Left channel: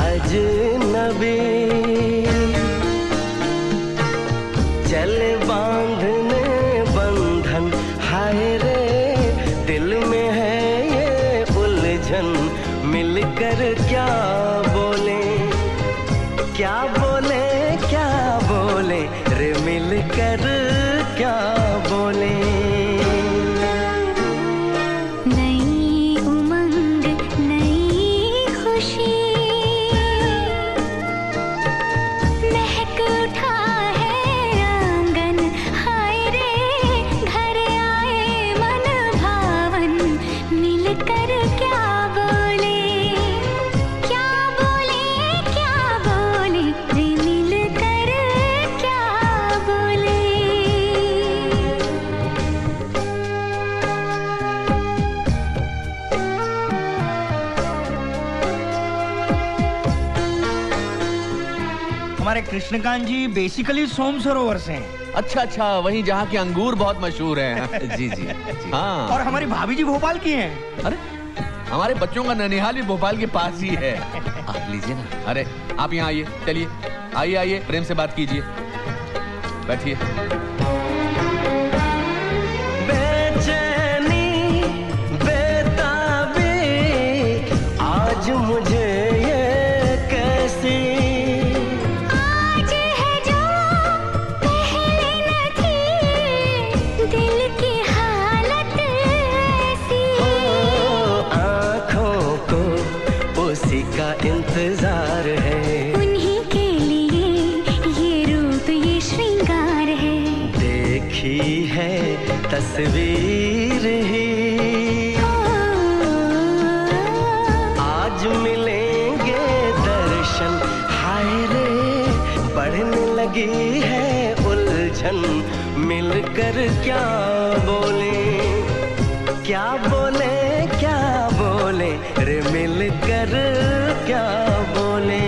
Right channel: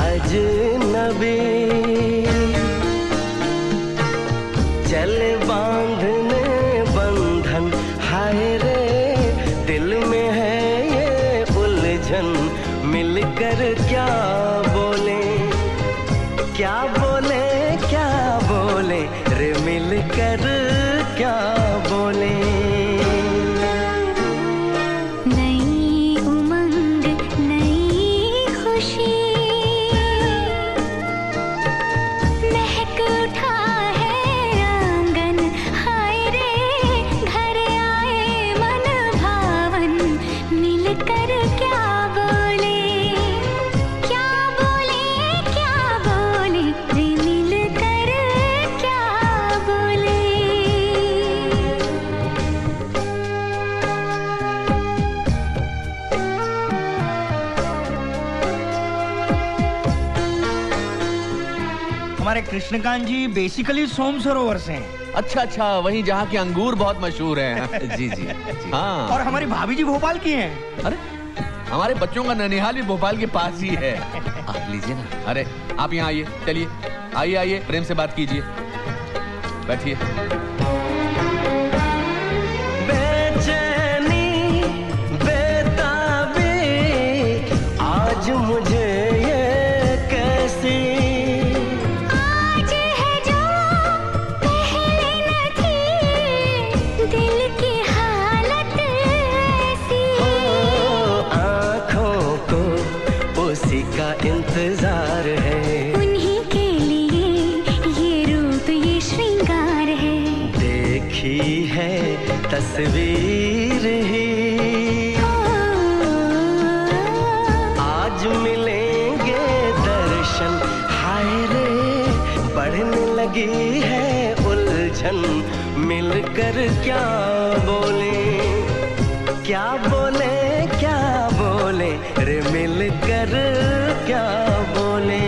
अजनबी, चले बांधने बंधन, हाय रे दिल में है ये उलझन, मिलकर क्या बोले, क्या बोले, क्या बोले रे, मिलकर क्या बोले। नई उमंग नई खुशी, महक उठा है आंगन, हाय रे घर आए मन भावन, मिलकर क्या बोले, क्या बोले, क्या बोले रे, मिलकर क्या बोले। हमारे कृष्णकांत जी बेसिकली सोम सरोवर से हैं। अच्छा अच्छा, वहीं जहाँ के अंगूर बहुत मशहूर हैं। जी जी जी। हाँ। और हमारी भाभी जी भोपाल की हैं। अरे हमारे बच्चों का ननिहाल भी भोपाल के पास ही है। आप लीजिए ना। अरे आप यहाँ आइए, चलिए आइए आइए, प्रेम से बात कीजिए, बैठिए। बेचैनी बेताबी आज मुझे ये कैसी, आज है जो पहले न थी, दिल की हालत ऐसी, हो आँखों को उसी का इंतजार है, उन्हीं के लिए ये रूप ये श्रृंगार है, देखी है तस्वीर ही, आज मिलेंगे दर्शन, हाय रे बढ़ने लगी है उलझन, मिलकर क्या बोले, क्या बोले, क्या बोले रे, मिलकर क्या बोले।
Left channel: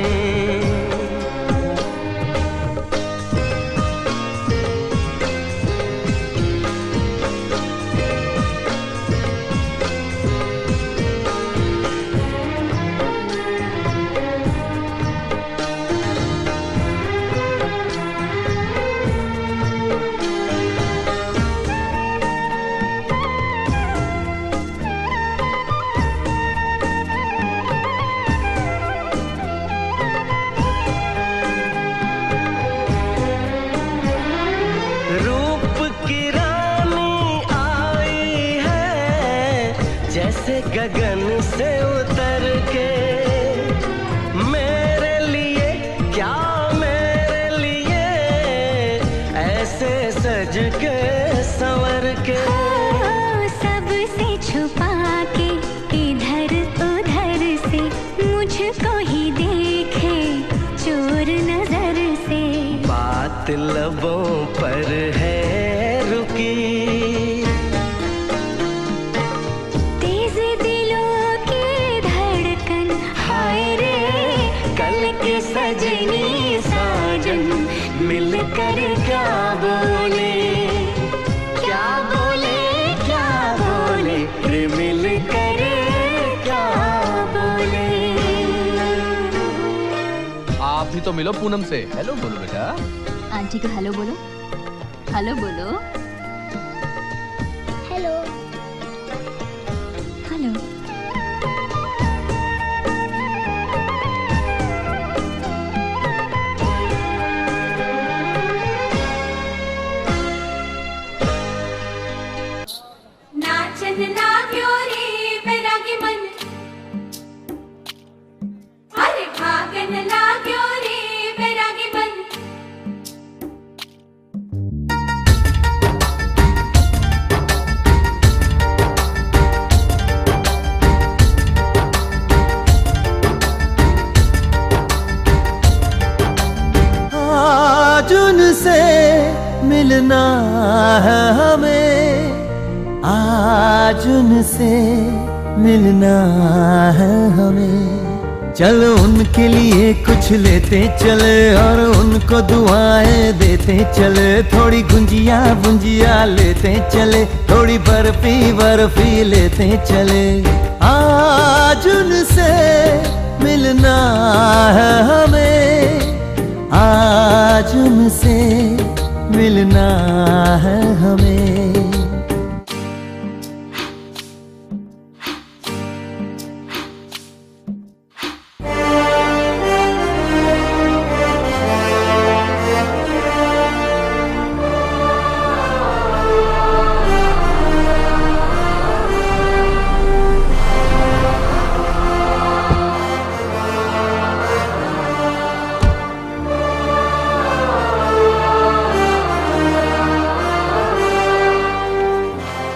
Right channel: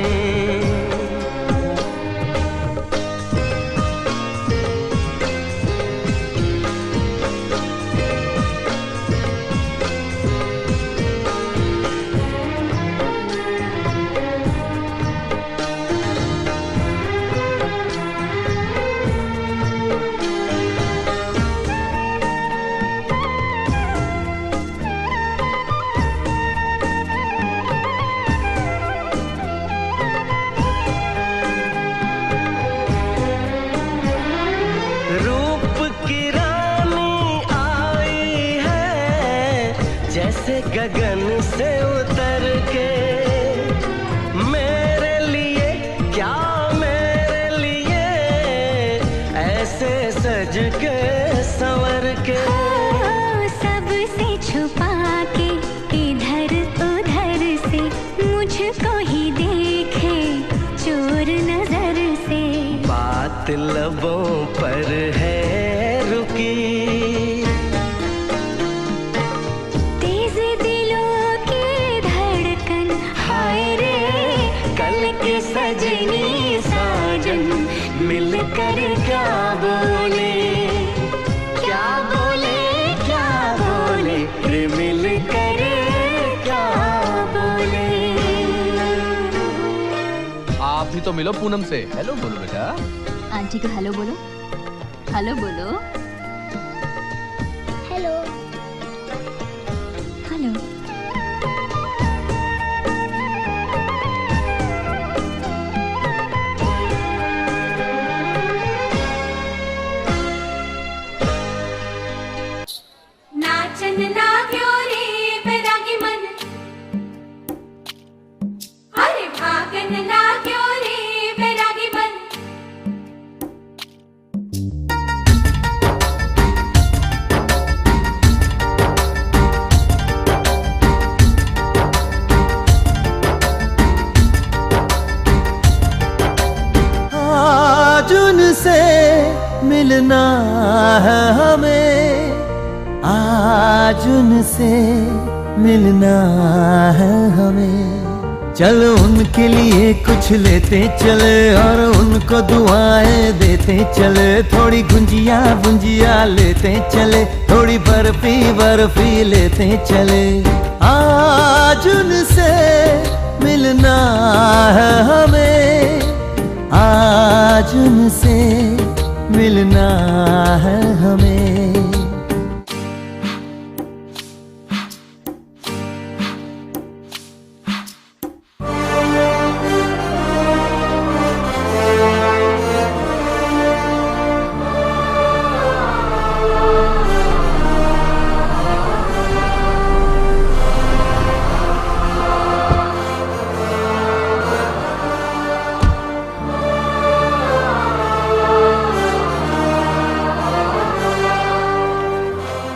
रूप की रानी आई है जैसे गगन से उतर के, मेरे लिए क्या मेरे लिए ऐसे सज के संवर के, सबसे छुपा के इधर उधर से, मुझको ही देखे चोर नजर से, बात लबों पर है रुकी, तेज दिलों की धड़कन, हाय रे कल की सजनी साजन, मिलकर क्या बोले, क्या बोले, क्या बोले रे, मिलकर क्या बोले। आप भी तो मिलो पूनम से, हेलो बोलो बेटा। आंटी को हेलो बोलो, हेलो बोलो, हेलो हेलो। नाचन लाग्यो रे बैरागी मन, अरे भागन लाग्यो रे बैरागी मन। आज उनसे मिलना है हमें, आज उनसे मिलना है हमें, चलो उनके लिए कुछ लेते चले और उनको दुआएं देते चले, थोड़ी गुंजिया बुंजिया लेते चले, थोड़ी बर्फी बर्फी लेते चले। आज उनसे मिलना है हमें, आज उनसे मिलना है हमें।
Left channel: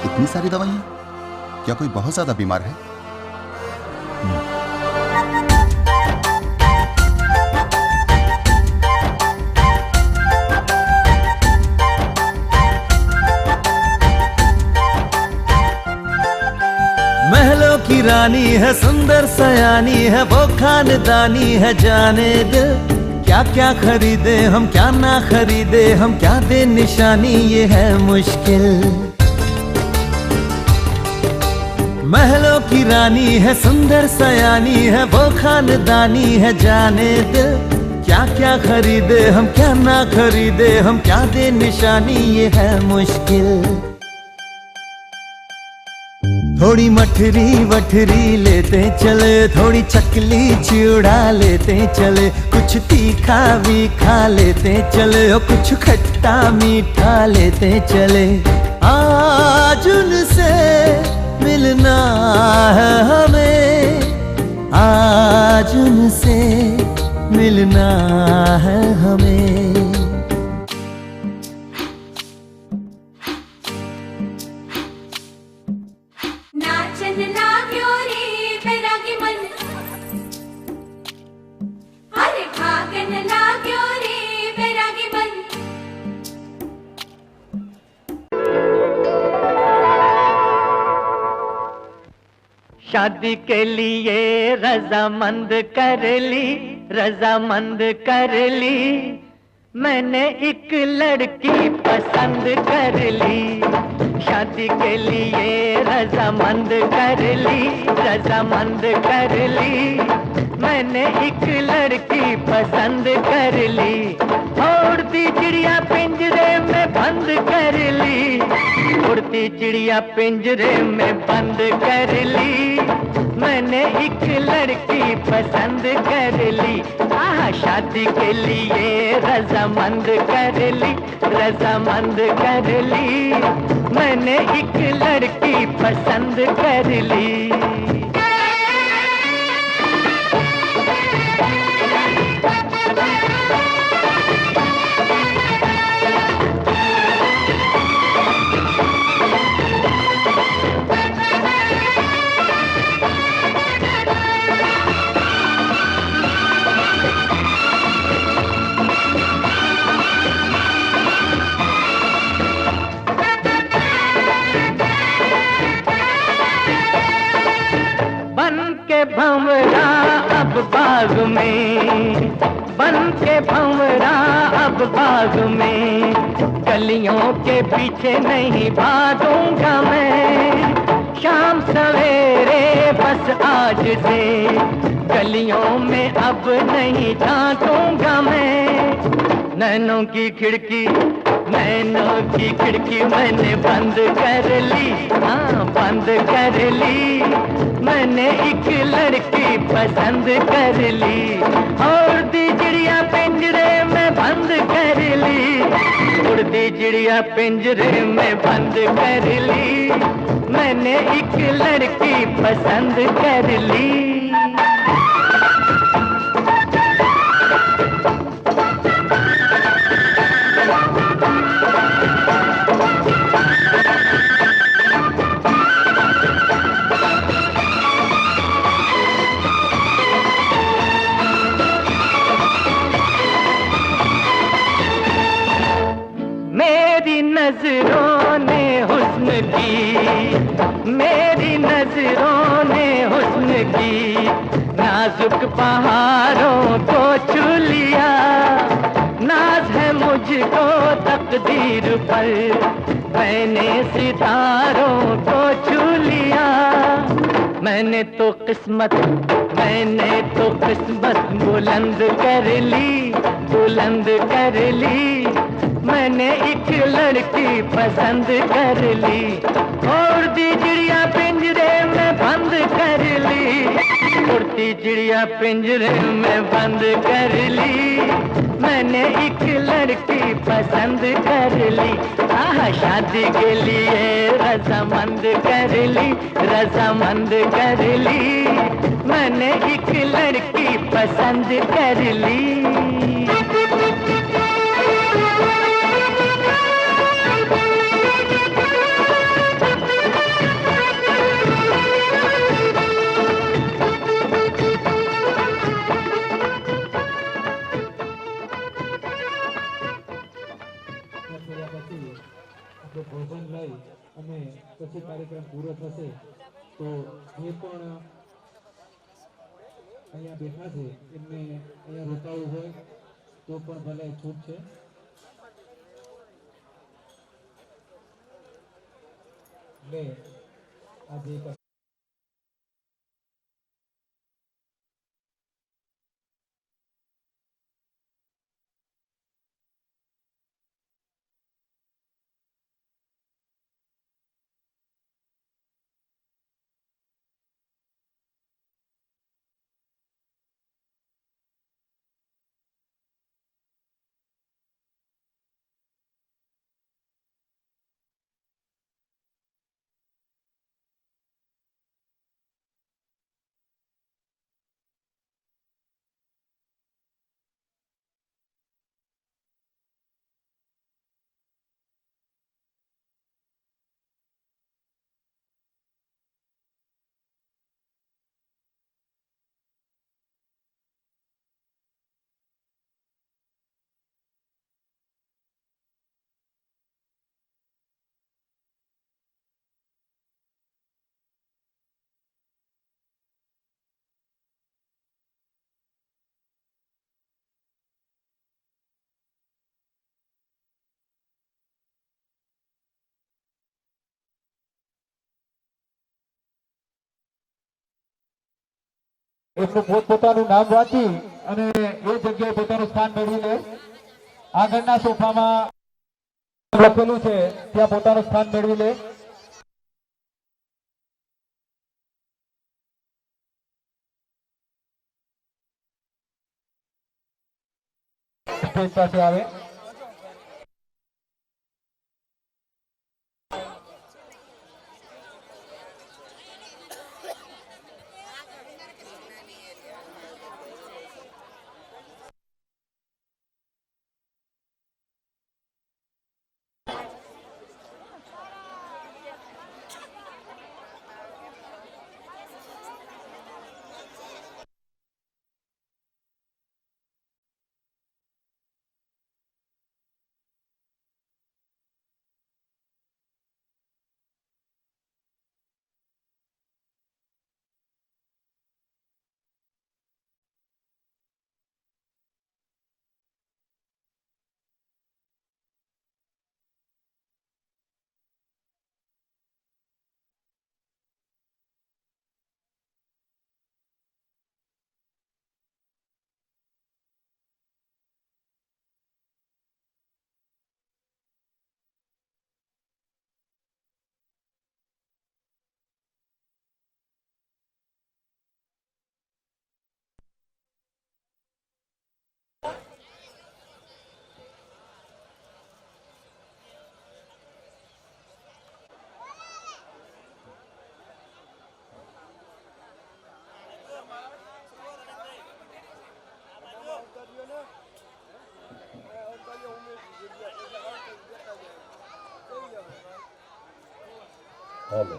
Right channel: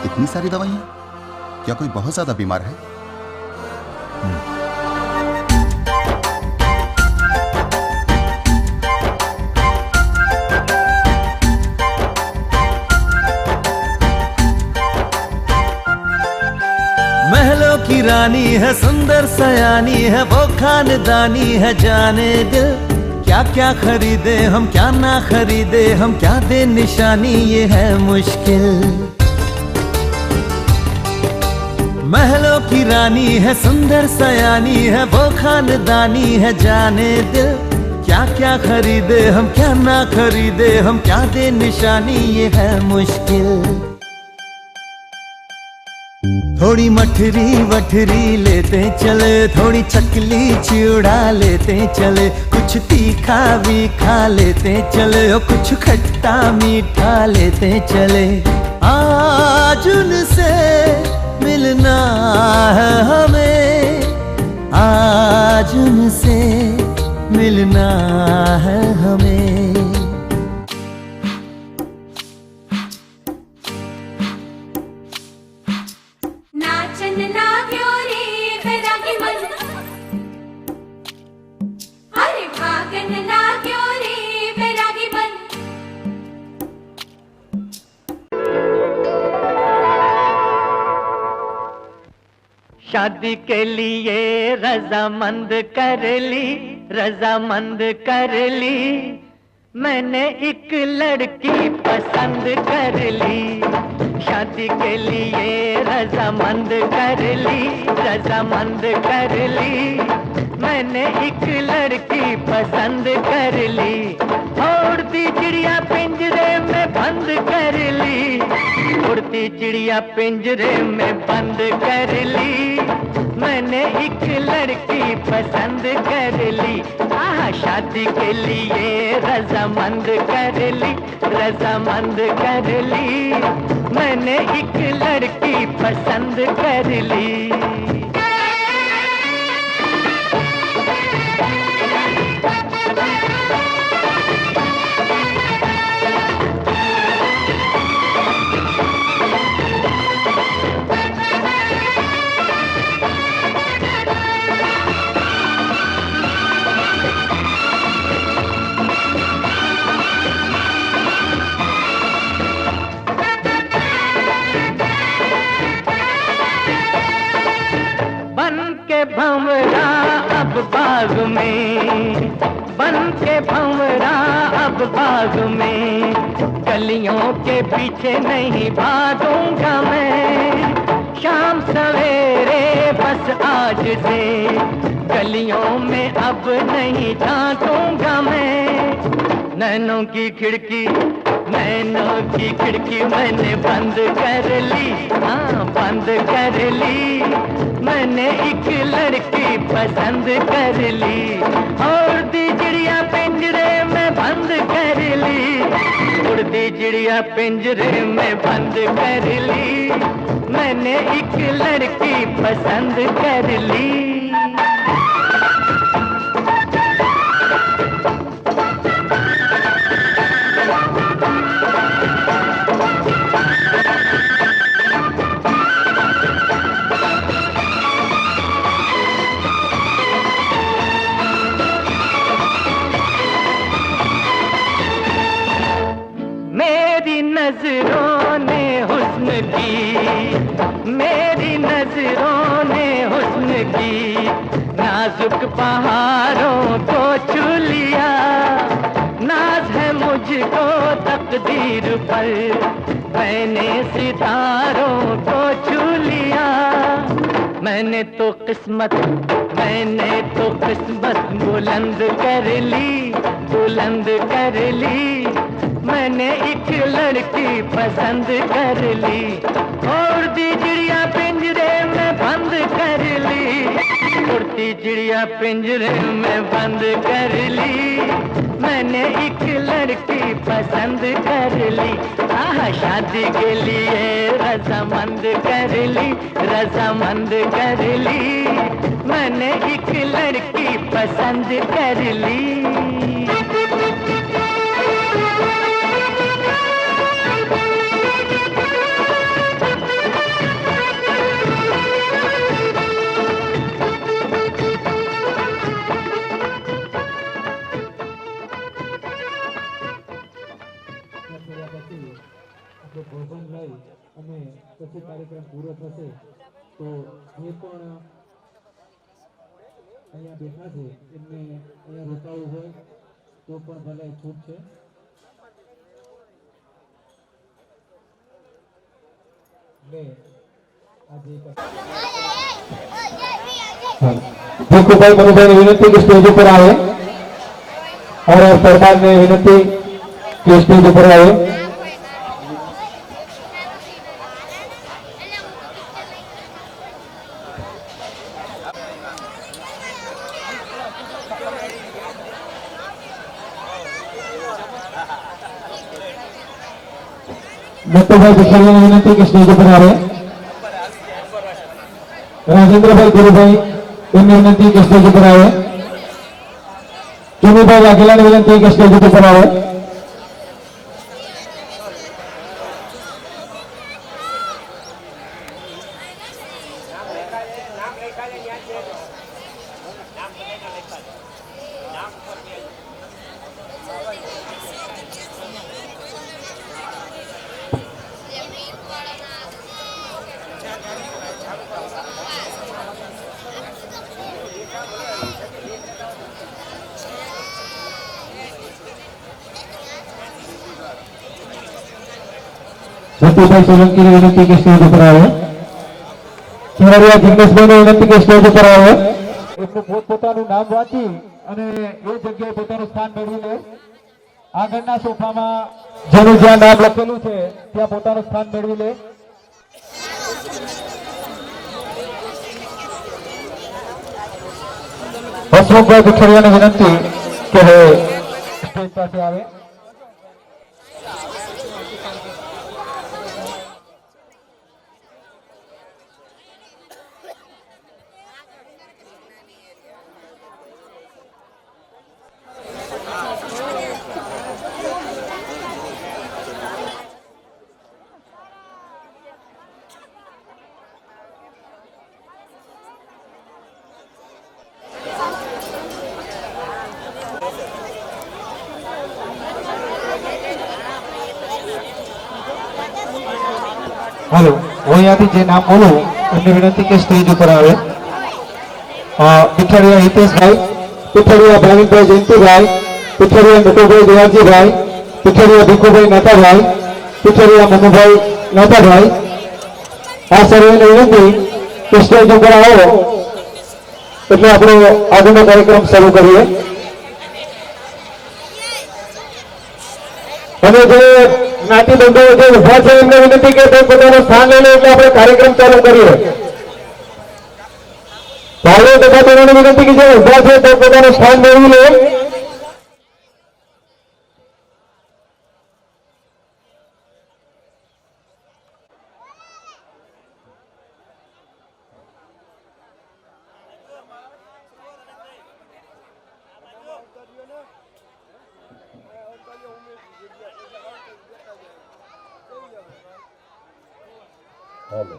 इतनी सारी दवाइयां? क्या कोई बहुत ज्यादा बीमार है? महलों की रानी है, सुंदर सयानी है, वो खानदानी है जाने दिल। क्या क्या खरीदे हम, क्या ना खरीदे हम, क्या दे निशानी, ये है मुश्किल। महलों की रानी है, सुंदर सयानी है, वो खानदानी है जाने दिल। क्या क्या खरीदे हम, क्या ना खरीदे हम, क्या दे निशानी, ये है मुश्किल। थोड़ी मठरी वठरी लेते चले, थोड़ी चकली चिड़ा लेते चले, कुछ तीखा भी खा लेते चले, और कुछ खट्टा मीठा लेते चले। आज उनसे मिलना है हमें, आज उनसे मिलना है हमें। नाचन लाग्यो रे बैरागी मन, अरे भागन लाग्यो रे बैरागी मन। शादी के लिए रजामंद कर ली, रजामंद कर ली, मैंने एक लड़की पसंद कर ली। शादी के लिए रजामंद कर ली, रजामंद कर ली, मैंने एक लड़की पसंद कर ली। उड़ती चिड़िया पिंजरे में बंद कर ली, उड़ती चिड़िया पिंजरे में बंद कर ली, मैंने एक लड़की पसंद कर ली। आहा, शादी के लिए रजामंद कर ली, रजामंद कर ली, मैंने एक लड़की पसंद कर ली। भंवरा अब बाग में, बन के भंवरा अब बाग में, गलियों के पीछे नहीं भागूंगा मैं। शाम सवेरे बस आज से गलियों में अब नहीं झांकूंगा मैं। नैनों की खिड़की, नैनों की खिड़की मैंने बंद कर ली, हाँ बंद कर ली, मैंने एक लड़की पसंद कर ली। उड़ती चिड़िया पिंजरे में बंद कर ली, उड़ती चिड़िया पिंजरे में बंद कर ली, मैंने एक लड़की पसंद कर ली। नजरों ने हुस्न की, मेरी नजरों ने हुस्न की, नाजुक पहाड़ों को छू लिया। नाज है मुझको तकदीर पर, मैंने सितारों को छू लिया। मैंने तो किस्मत बुलंद कर ली मैंने एक लड़की पसंद कर ली और दी चिड़िया पिंजरे में बंद कर ली उड़ती चिड़िया पिंजरे में बंद कर ली मैंने एक लड़की पसंद कर ली आह शादी के लिए रजामंद कर ली मैंने एक लड़की पसंद कर ली ભોજન લઈ અને પછી કાર્યક્રમ પૂરો થશે તો જે પણ અહીંયા બેઠા છે એમને અહીંયા રોકાવું હોય તો પણ ભલે છૂટ છે લે આજે ભીખુભાઈ મનુભાઈ વિનંતી કે સ્ટેજ ઉપર આવે और सरकार ने विनती कि स्टेज पर आए दत्तूभाई भिखारी ने विनती कि स्टेज पर आए राजेंद्रभाई गुरुभाई इनकी विनती कि स्टेज पर आए चुनीभाई वाघेला ने विनती कि स्टेज पर आए सतीभाई सोलंकी ने विनती के स्टेज पर आए खिलाड़िया जिग्नेशभाई ने विनती के स्टेज पर आए એમનું પોતપોતાનું નામ વાંચી અને એ જગ્યાએ પોતાનું સ્થાન મેળવી લે આગળના સોફામાં જેનું જ્યાં નામ લખેલું છે ત્યાં પોતાનું સ્થાન મેળવી લે હસમુખભાઈ ભીખરિયાને વિનંતી કે સ્ટેજ પાસે આવે हेलो वो यहाँ जे नाम बोलू एमने विनती के स्टेज पर आवे पिठड़िया हितेश भाई पिठड़िया भाविक भाई जयंती भाई पिठड़िया नटू भाई देवाजी भाई पिठड़िया भीखू भाई नाता भाई पिठड़िया मनु भाई नाता भाई आ सर्वे ने विनती के स्टेज पर आओ એટલે આપણો આગળનો કાર્યક્રમ શરૂ કરીએ અને જે જ્ઞાતિ બંધુઓ જે ઉભા છે એમને વિનંતી કે પોતાનું સ્થાન લઈ લે એટલે આપણે કાર્યક્રમ ચાલુ કરીએ ભાઈઓ તથા બહેનોને વિનંતી કે જે ઉભા છે તે પોતાનું સ્થાન મેળવી લે हेलो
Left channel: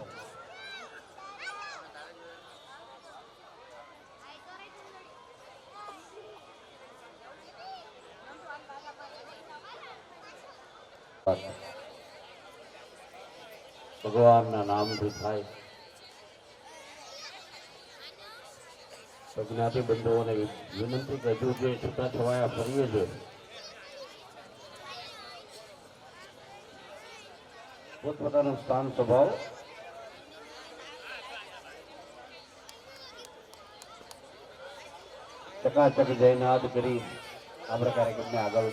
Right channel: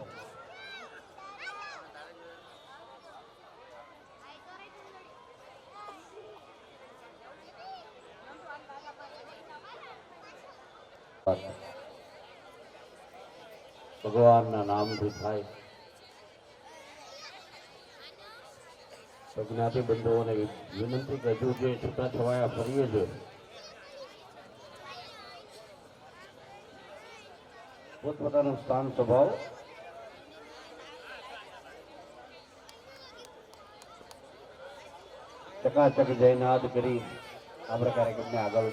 भगवान ना नाम भी थाय ज्ञाति बंधुओं ने विनंती कर हजू जे छूटा छवाया फरीए जो પોતપોતાનું સ્થાન સ્વભાવ ચકાચક જયનાદ કરી આપણે કાર્યક્રમને આગળ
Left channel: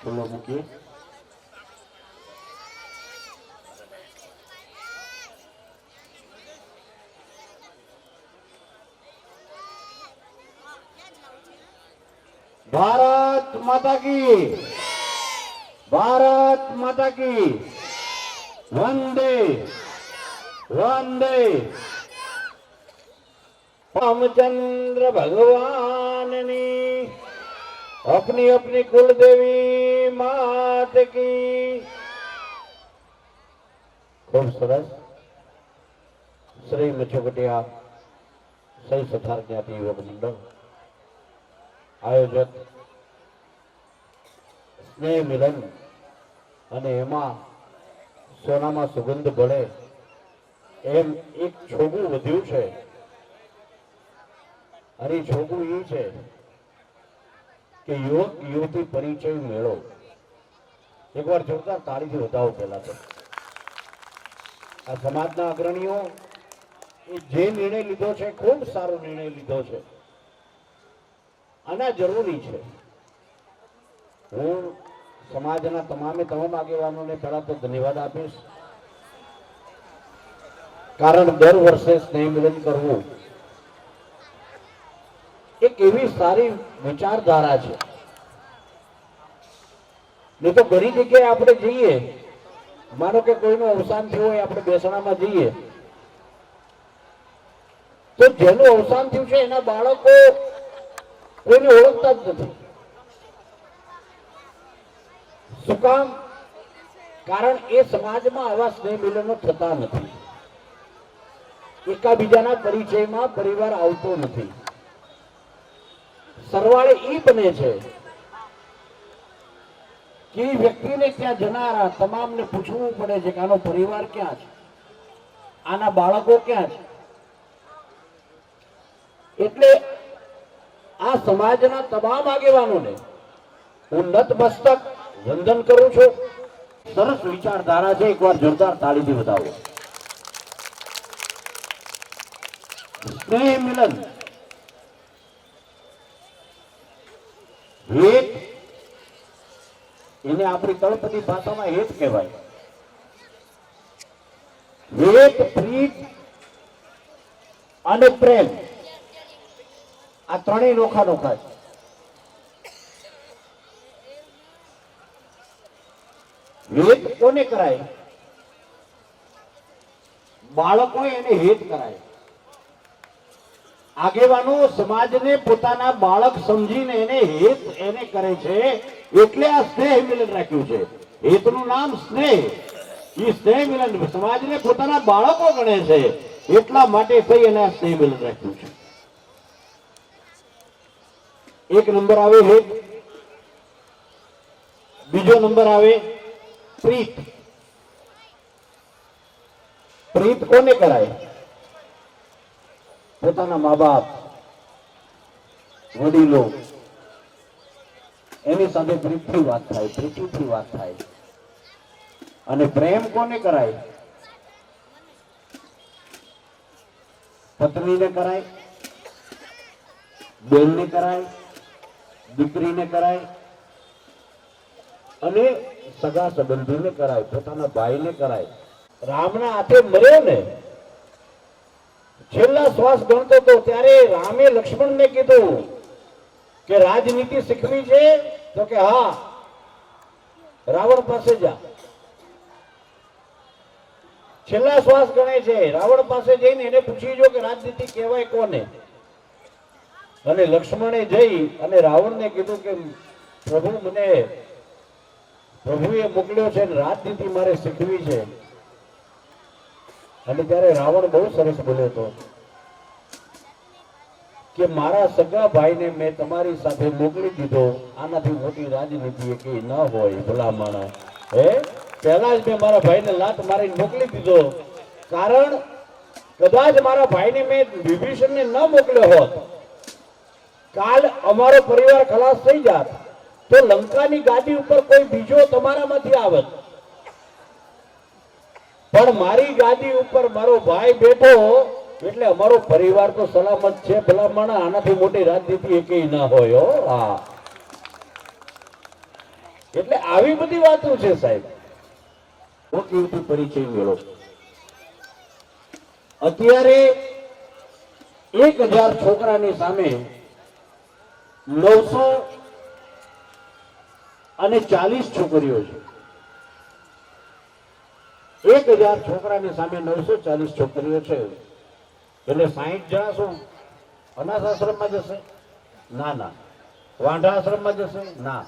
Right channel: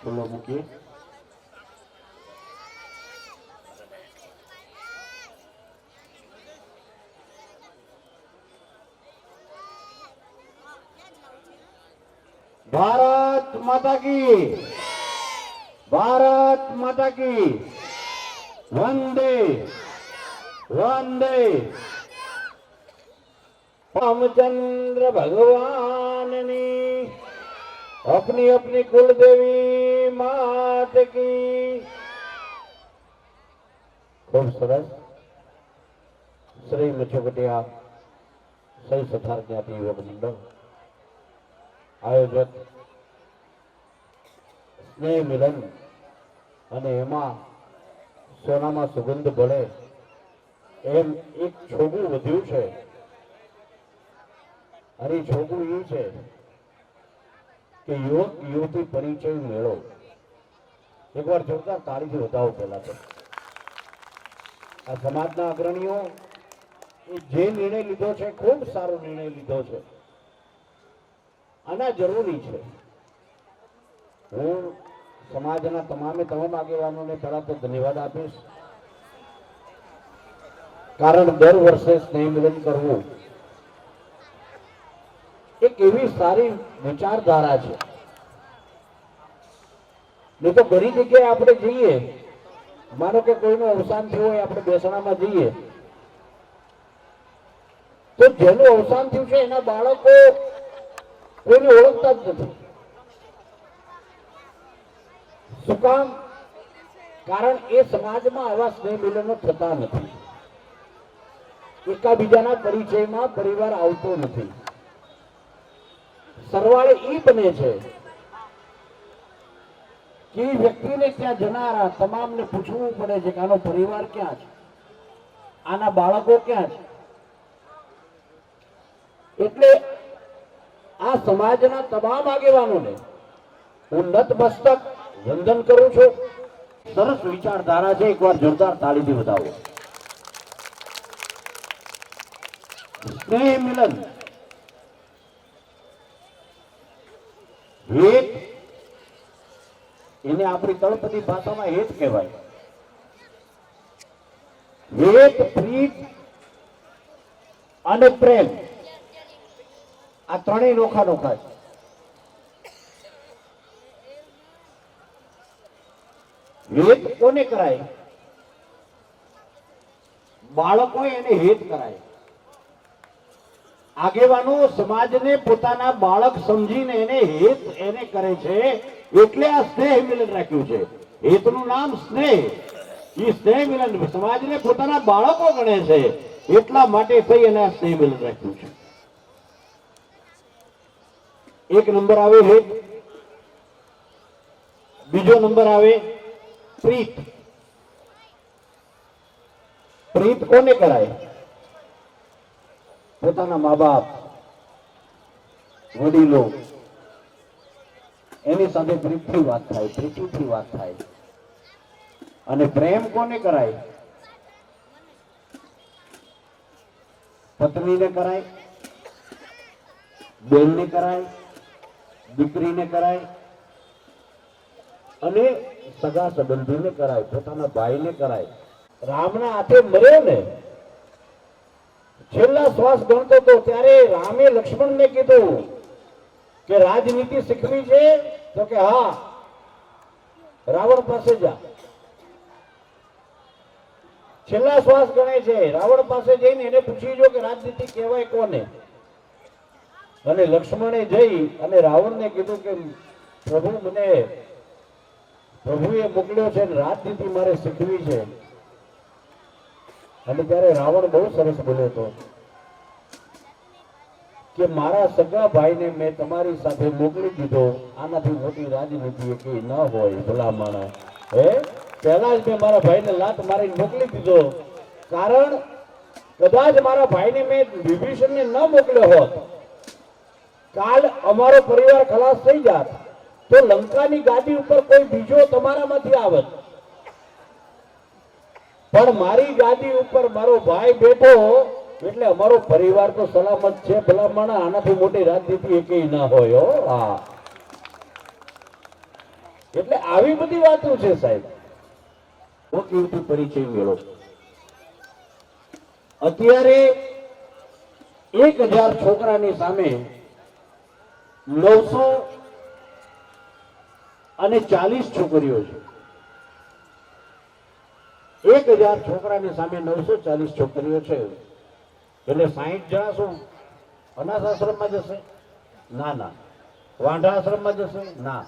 ખુલ્લો મૂકીએ. ભારત માતા કી, ભારત માતા કી, વંદે વંદે. रामचंद्र भगवान ने अपनी अपनी कुल देवी मात की. खूब सरस. श्री मचोकटिया सही सथार ज्ञाति युवक मंडल आयोजक स्नेह मिलन અને એમાં સોનામાં સુગંધ ભળે એમ એક છોગું વધ્યું છે. અને છોકરું એ છે કે યુવક યુવતી પરિચય મેળો. એકવાર જોરદાર તાળીથી વધાવો પહેલા તો આ સમાજના અગ્રણીઓ એ જે નિર્ણય લીધો છે ખૂબ સારો નિર્ણય લીધો છે અને જરૂરી છે. હું સમાજના તમામ આગેવાનોને પહેલા તો ધન્યવાદ આપીશ, કારણ દર વર્ષે સ્નેહ મિલન કરવું એક એવી સારી વિચારધારા છે. નહીં તો ઘણી જગ્યાએ આપણે જઈએ, માનો કે કોઈનું અવસાન થયું હોય, આપણે બેસણામાં જઈએ તો જેનું અવસાન થયું છે એના બાળકો કોઈને ઓળખતા જ નથી. શું કામ? કારણ એ સમાજમાં આવા સ્નેહ મિલનો થતા નથી. એકાબીજાના પરિચયમાં પરિવાર આવતો નથી. સરવાળે એ બને છે કે વ્યક્તિને ત્યાં જનારા તમામને પૂછવું પડે છે કે આનો પરિવાર ક્યાં છે, આના બાળકો ક્યાં છે. એટલે આ સમાજના તમામ આગેવાનોને હું નતમસ્તક વંદન કરું છું. સરસ વિચારધારા છે, એકવાર જોરદાર તાળીથી વધાવો. સ્નેહ મિલન હેત, એને આપણી તળપદી ભાષામાં હેત કહેવાય. હેત, પ્રીત અને પ્રેમ આ ત્રણેય નોખા નોખા છે. હેત કોને કરાય? બાળકો એને હેત કરાય. આગેવાનો સમાજને પોતાના બાળક સમજીને એને હેત એને કરે છે, એટલે આ સ્નેહ મિલન રાખ્યું છે. હેતનું નામ સ્નેહ. એ સ્નેહ મિલન સમાજને પોતાના બાળકો ગણે છે, એટલા માટે થઈ અને આ સ્નેહ મિલન રાખ્યું છે. એક નંબર આવે હેત, બીજો નંબર આવે પ્રીત. પ્રીત કોને કરાય? પોતાના મા બાપ, વડીલો એની સાથે પ્રીતથી વાત થાય, પ્રીતિથી વાત થાય. અને પ્રેમ કોને કરાય? પત્નીને કરાય, બેનને કરાય, દીકરીને કરાય અને સગા સંબંધીને કરાય, પોતાના ભાઈને કરાય. રામના હાથે મર્યો ને, છેલ્લા શ્વાસ ગણતો હતો ત્યારે રામે લક્ષ્મણને કીધું કે રાજનીતિ શીખવી છે? તો કે હા, રાવણ પાસે જા. છેલ્લા શ્વાસ ગણે છે, રાવણ પાસે જઈને એને પૂછી જો કે રાજનીતિ કહેવાય કોને. અને લક્ષ્મણે જઈ અને રાવણને કીધું કે પ્રભુ, મને પ્રભુએ મોકલ્યો છે, રાજનીતિ મારે શીખવી છે. અને ત્યારે રાવણ બહુ સરસ બોલ્યો હતો કે મારા સગા ભાઈને મેં તમારી સાથે મોકલી દીધો, આનાથી મોટી રાજનીતિ કઈ ન હોય ભલા માણસ. પહેલા જ મેં મારા ભાઈને લાત મારીને મોકલી દીધો, કારણ કદાચ મારા ભાઈને મેં વિભીષણને ન મોકલ્યો હોત, કાલ અમારો પરિવાર ખલાસ થઈ જાત તો લંકાની ગાદી ઉપર કોઈ બીજો તમારામાંથી આવત. પણ મારી ગાદી ઉપર મારો ભાઈ બેઠો એટલે અમારો પરિવાર તો સલામત છે ભલામણ. આનાથી મોટી રાજનીતિ એકેય ના હોય હો. હા, એટલે આવી બધી વાતો છે સાહેબ. કેવી પરિચય મેળો અત્યારે 1000 છોકરાની સામે 940 છોકરીઓ છે. 1000 છોકરાની સામે 940 છોકરીઓ છે. એટલે 60 જણા શું અનાથ આશ્રમમાં જશે? ના ના. વાંઢા આશ્રમમાં જશે? ના.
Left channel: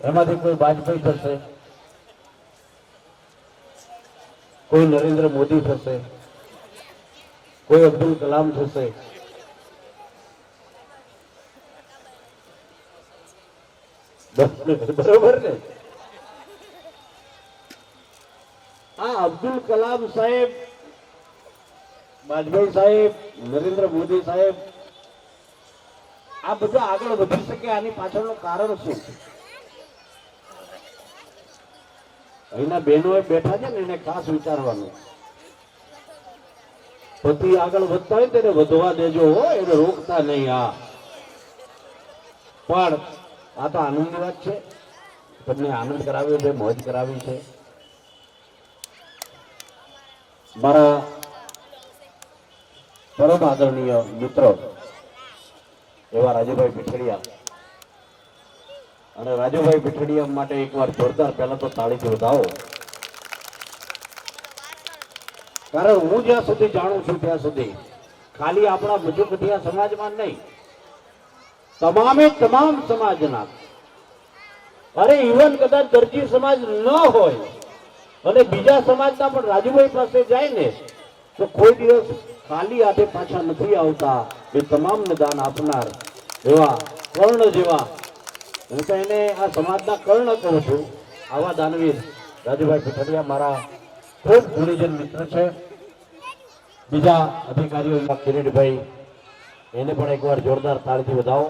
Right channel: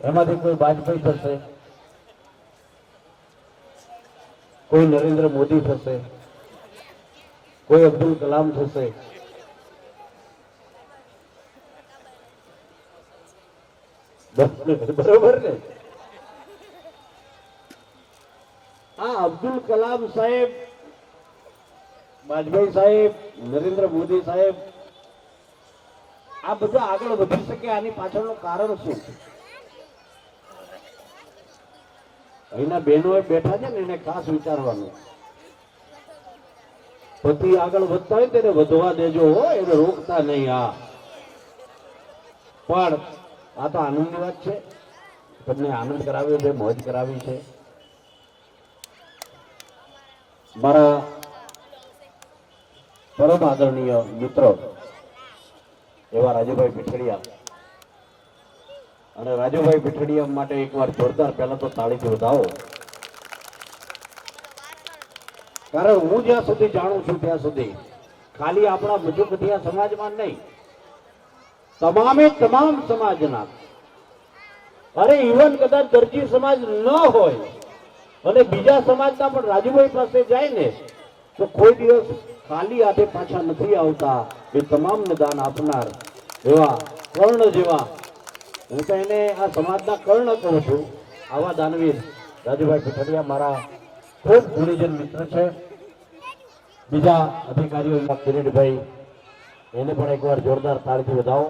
એમાંથી કોઈ વાજપેયી થશે, કોઈ નરેન્દ્ર મોદી થશે, કોઈ અબ્દુલ કલામ થશે. બરોબર ને? આ અબ્દુલ કલામ સાહેબ, વાજપેયી સાહેબ, નરેન્દ્ર મોદી સાહેબ આ બધા આગળ વધી શકે આની પાછળનું કારણ શું છે? અહીંના બહેનો બેઠા છે ને એને ખાસ વિચારવાનું. પતિ આગળ વધતા હોય તેને વધવા દેજો હો, એને રોકતા નહીં. હા, પણ આ તો આનંદની વાત છે. તમને આનંદ કરાવ્યો છે, મોજ કરાવી છે. મારા પરમ આદરણીય મિત્રો એવા રાજુભાઈ પીઠડિયા, અને રાજુભાઈ પીઠડિયા માટે એકવાર જોરદાર પહેલા તો તાળીથી વધાવો. કારણ હું જ્યાં સુધી જાણું છું ત્યાં સુધી ખાલી આપણા મજૂકઠિયા સમાજમાં નહીં, તમામે તમામ સમાજના, અરે ઇવન કદાચ દરજી સમાજ ન હોય અને બીજા સમાજના પણ રાજુભાઈ પાસે જાય ને તો કોઈ દિવસ ખાલી હાથે પાછા નથી આવતા. એ તમામને દાન આપનાર એવા કર્ણ જેવા, હું તો એને આ સમાજના કર્ણ કહું છું, આવા દાનવીર રાજુભાઈ પીઠડિયા મારા ખૂબ ગુણીજન મિત્ર છે. બીજા અધિકારીઓ કિરીટભાઈ, એને પણ એકવાર જોરદાર તાળીથી વધાવો.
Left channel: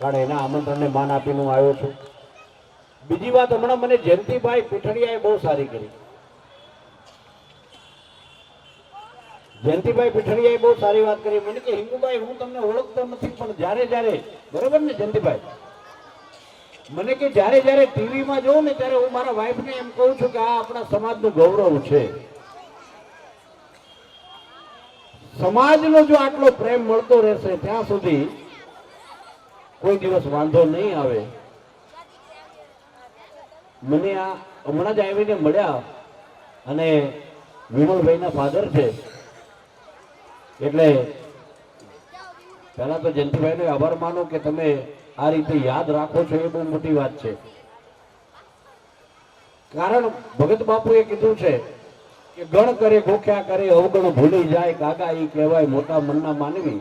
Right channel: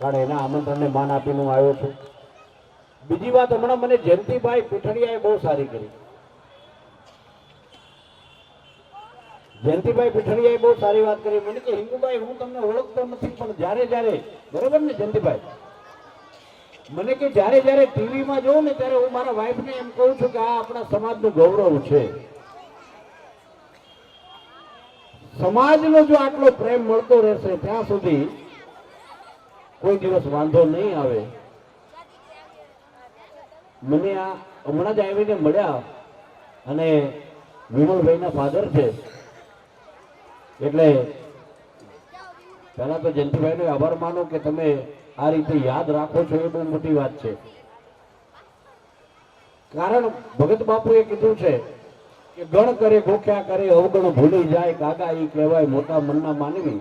કારણ એના આમંત્રણને માન આપીને હું આવ્યો છું. બીજી વાત, હમણાં મને જયંતિભાઈ પીઠડિયાએ બહુ સારી કરી. જયંતિભાઈ પીઠડિયાએ બહુ સારી વાત કરી. મને કે હિંગુભાઈ હું તમને ઓળખતો નથી, પણ જ્યારે જ્યારે, બરોબર ને જયંતિભાઈ, મને કે જ્યારે જ્યારે ટીવીમાં જોઉં ને ત્યારે હું મારા વાઈફને એમ કહું છું કે આ આપણા સમાજનું ગૌરવ છે. સમાજનો જો આટલો પ્રેમ મળતો રહેશે ત્યાં સુધી કોઈ દિવસ વાંધો નહીં આવે. મને આ હમણાં જ આવીને મળ્યા અને વિમલભાઈના ફાધર છે, એટલે પહેલા તો જયંતિભાઈનો આભાર માનો કે તમે આ રીતે યાદ રાખો છો, એ બહુ મોટી વાત છે. કારણ ભગત બાપુએ કીધું છે કે ગણ કરે ગોખ્યા કરે અવગણ ભૂલી જાય, કાકા ઈ કહેવાય મોટા મનના માનવી.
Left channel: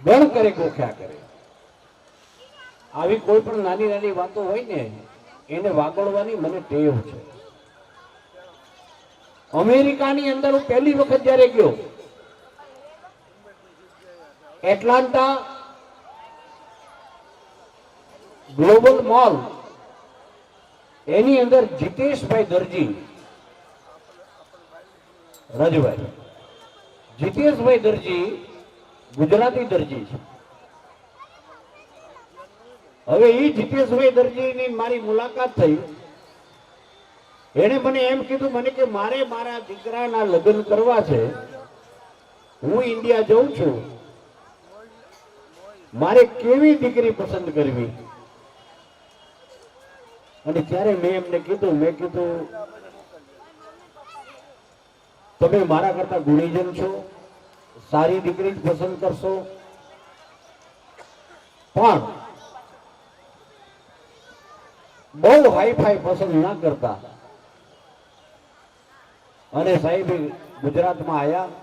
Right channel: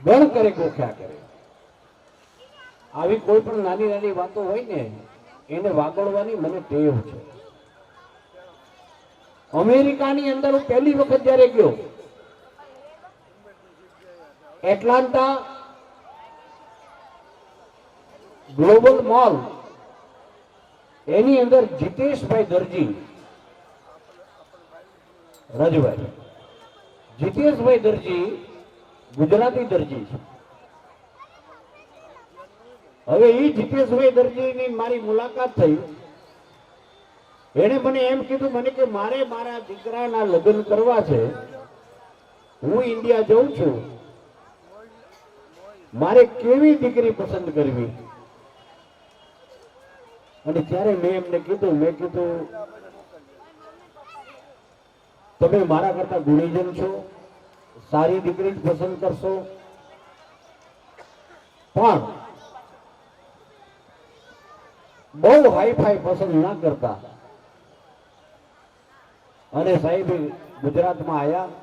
ગણ કરે ગોખ્યા કરે, આવી કોઈ પણ નાની નાની વાતો હોય ને એને વાગોળવાની મને ટેવ છે. અમેરિકાની અંદર હું પહેલી વખત જ્યારે ગયો, એટલાન્ટા ગ્લોબલ મોલ, એની અંદર જીતેશભાઈ દરજી, રાજુભાઈ જીતેશભાઈ દરજી ગુજરાતી દરજી છે. હવે એ જીતેશભાઈ દરજીની મારી મુલાકાત થઈ. એને મને એમ કીધું, મને કે મારે મારા દીકરાના લગ્ન કરવા છે, હું ઇન્ડિયા જઉં છું, મારે કેવી દીકરી પસંદ કરવી? અને ત્યારે મેં એમને કીધું, મેં કીધું તમે મારા કરતા ગુણીજન છો, સારી દીકરી જ પસંદ કરશો, પણ બહુ હાઈફાઈ પસંદ ના કરતા. અને સાહેબ ગુજરાતમાં આયા,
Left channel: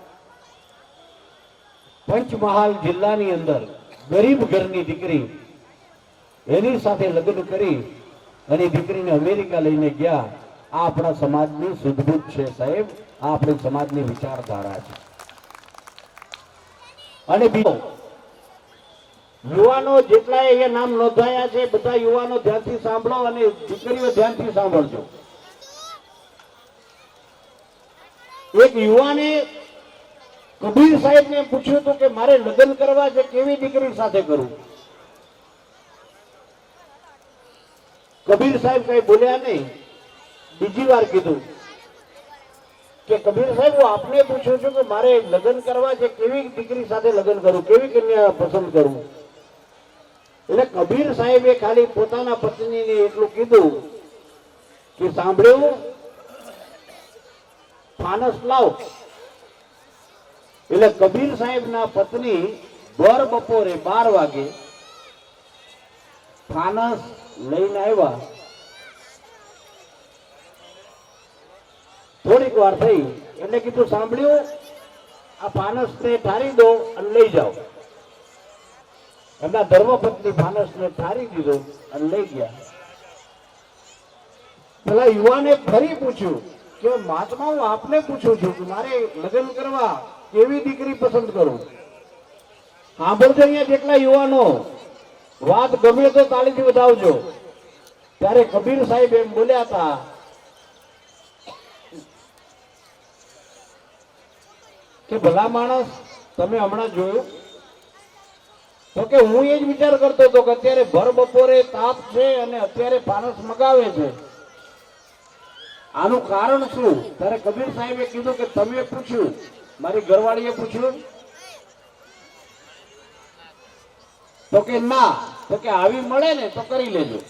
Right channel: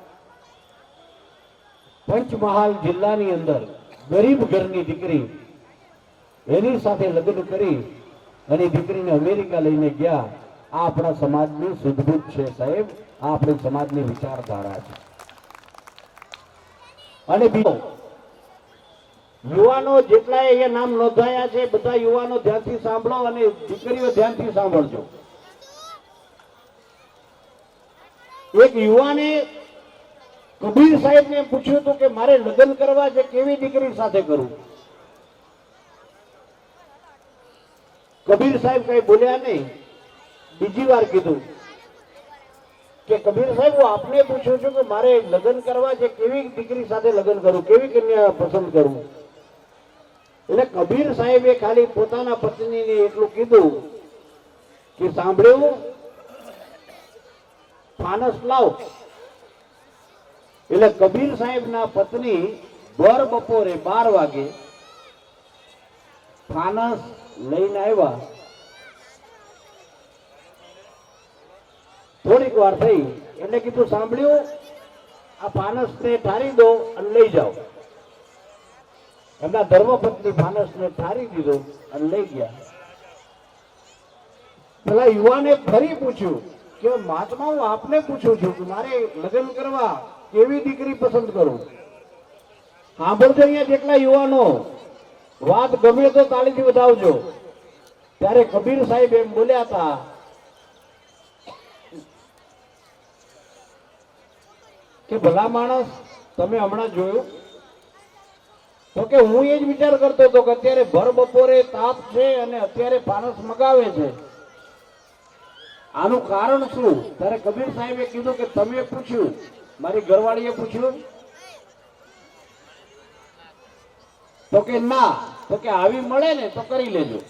પંચમહાલ જિલ્લાની અંદર ગરીબ ઘરની દીકરી, એની સાથે લગ્ન કરી અને દીકરીને અમેરિકા લઈને ગયા. આ આપણા સમાજની સુધબૂધ છે સાહેબ, આ આપણી સમાજની વિચારધારા છે. અને બીજો યુવાનો જેટલા અહીંયા નામ નોંધાયા છે બધા યુવાનો ધ્યાનથી સાંભળો અને દીકરીઓ ધ્યાનથી સાંભળજો. એક યુવાને કબીર સાહેબને પૂછ્યું હતું કે મારે લગ્ન કરવા છે, કેવી દીકરી સાથે કરું? કબીર સાહેબ કઈ બોલ્યા નહીં. બીજી વાર કીધું કે કબીર સાહેબ હું આપને પૂછું છું કે મારે લગ્ન કરવા છે, કેવી દીકરી સાથે લગ્ન કરું, કેવી કન્યા પસંદ કરું? એટલે કબીર સાહેબે ખાલી પોતાના પત્નીને એટલું કીધું કે સાંભળ્યું, ફાનસ લાવ. એટલે કબીર સાહેબના પત્ની ભર બપોરે 12 વાગે ફાનસ લઈને આવ્યા. થોડીક વાર થઈ એટલે કીધું સાંભળ્યું, આ ફાનસને ઠારી દો અને લઈ જાઓ. એમના ધર્મપત્ની ફાનસને ઠારી દીધો અને લઈ ગયા. પેલા યુવાને ફરી પૂછ્યું કે મહાત્મા હું આપને પૂછું છું કે મારે લગ્ન કરવા કેવી દીકરી પસંદ કરું? સાંભળજો અહીંયા જેટલા યુવાનો, વાત ગમે તો તાળીથી વધાવજો. ત્યારે કબીર સાહેબ એમ બોલ્યા હતા કે ભલા માણસ, તમે હમણાં જોયું તો કે હું એ જ વિચાર કરતો હતો કે અત્યારે ભર બપોરે તાપ છે અને અત્યારે ફાનસ મગાવે છે, આનું કારણ શું? ત્યારે કબીર સાહેબે કીધું કે તમે પૂછ્યું, મારી ઘરવાળીએ પૂછ્યું? તો કે ના. તો કે આવી મળે ને તો કરી લેજો.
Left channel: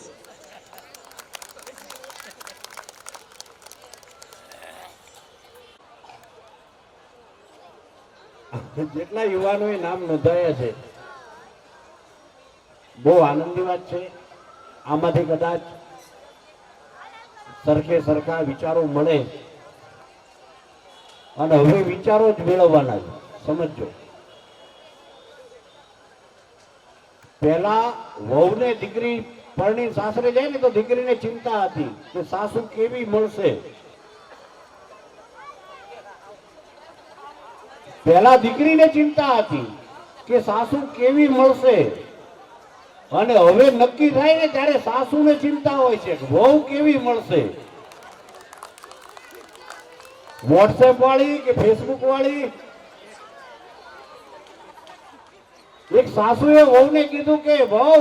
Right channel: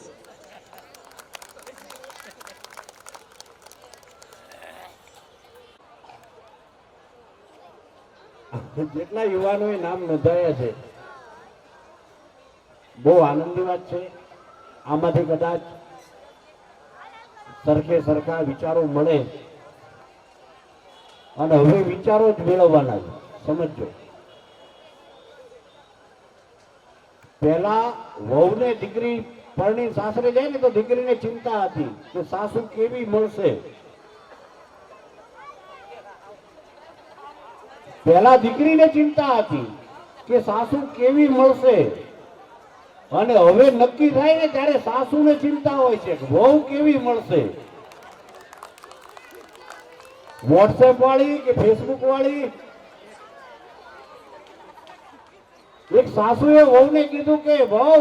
જેટલા યુવાનોએ નામ નોંધાયા છે, બહુ આનંદની વાત છે. આમાંથી કદાચ સરખે સરખા વિચારો મળે અને હવે વિચારો જ મેળવવાના છે. સમજો, પહેલા વહુને દીકરી પરણી સાસરે જાય ને તો દીકરીને ચિંતા હતી કે સાસુ કેવી મળશે. પહેલા દીકરીને ચિંતા હતી કે સાસુ કેવી મળશે, અને હવે નક્કી થાય ને ત્યારે સાસુને ચિંતા હોય છે કે વહુ કેવી મળશે. વોટ્સએપ વાળી કે ફેસબુક વાળી. એક સાસુએ વહુને કીધું કે વહુ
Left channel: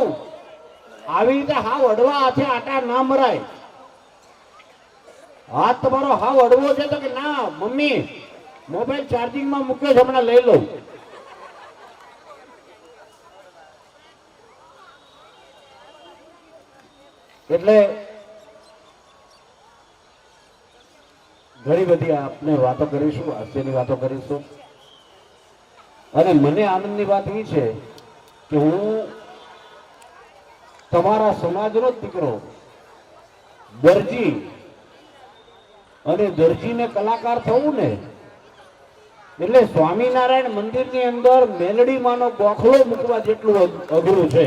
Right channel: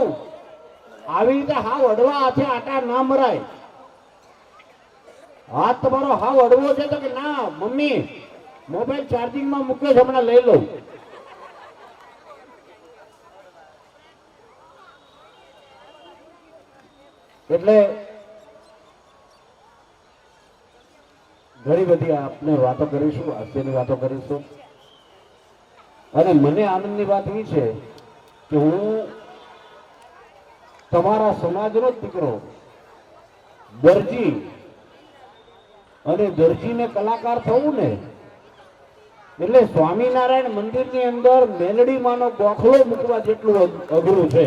આવી રીતે હાવ અડવા હાથે આટા ના મરાય, હાથ તમારો હાવ અડવો છે. તો કે ના મમ્મી, મોબાઈલ ચાર્જિંગમાં મૂક્યો છે, હમણાં લઈ લઉં. એટલે ઘણી બધી આપણે વાતો કરીશું, હાસ્યની વાતો કરીશું. અને મને આનંદની વાત એ છે કે હું તમારા સમાજનો જ દીકરો, દરજી, અને દરજીને કલાકાર થવું ને એટલે સ્વામિનારાયણ મંદિરની અંદર મેલડીમાંનો ગોખલો મૂકવા જેટલું અઘરું છે.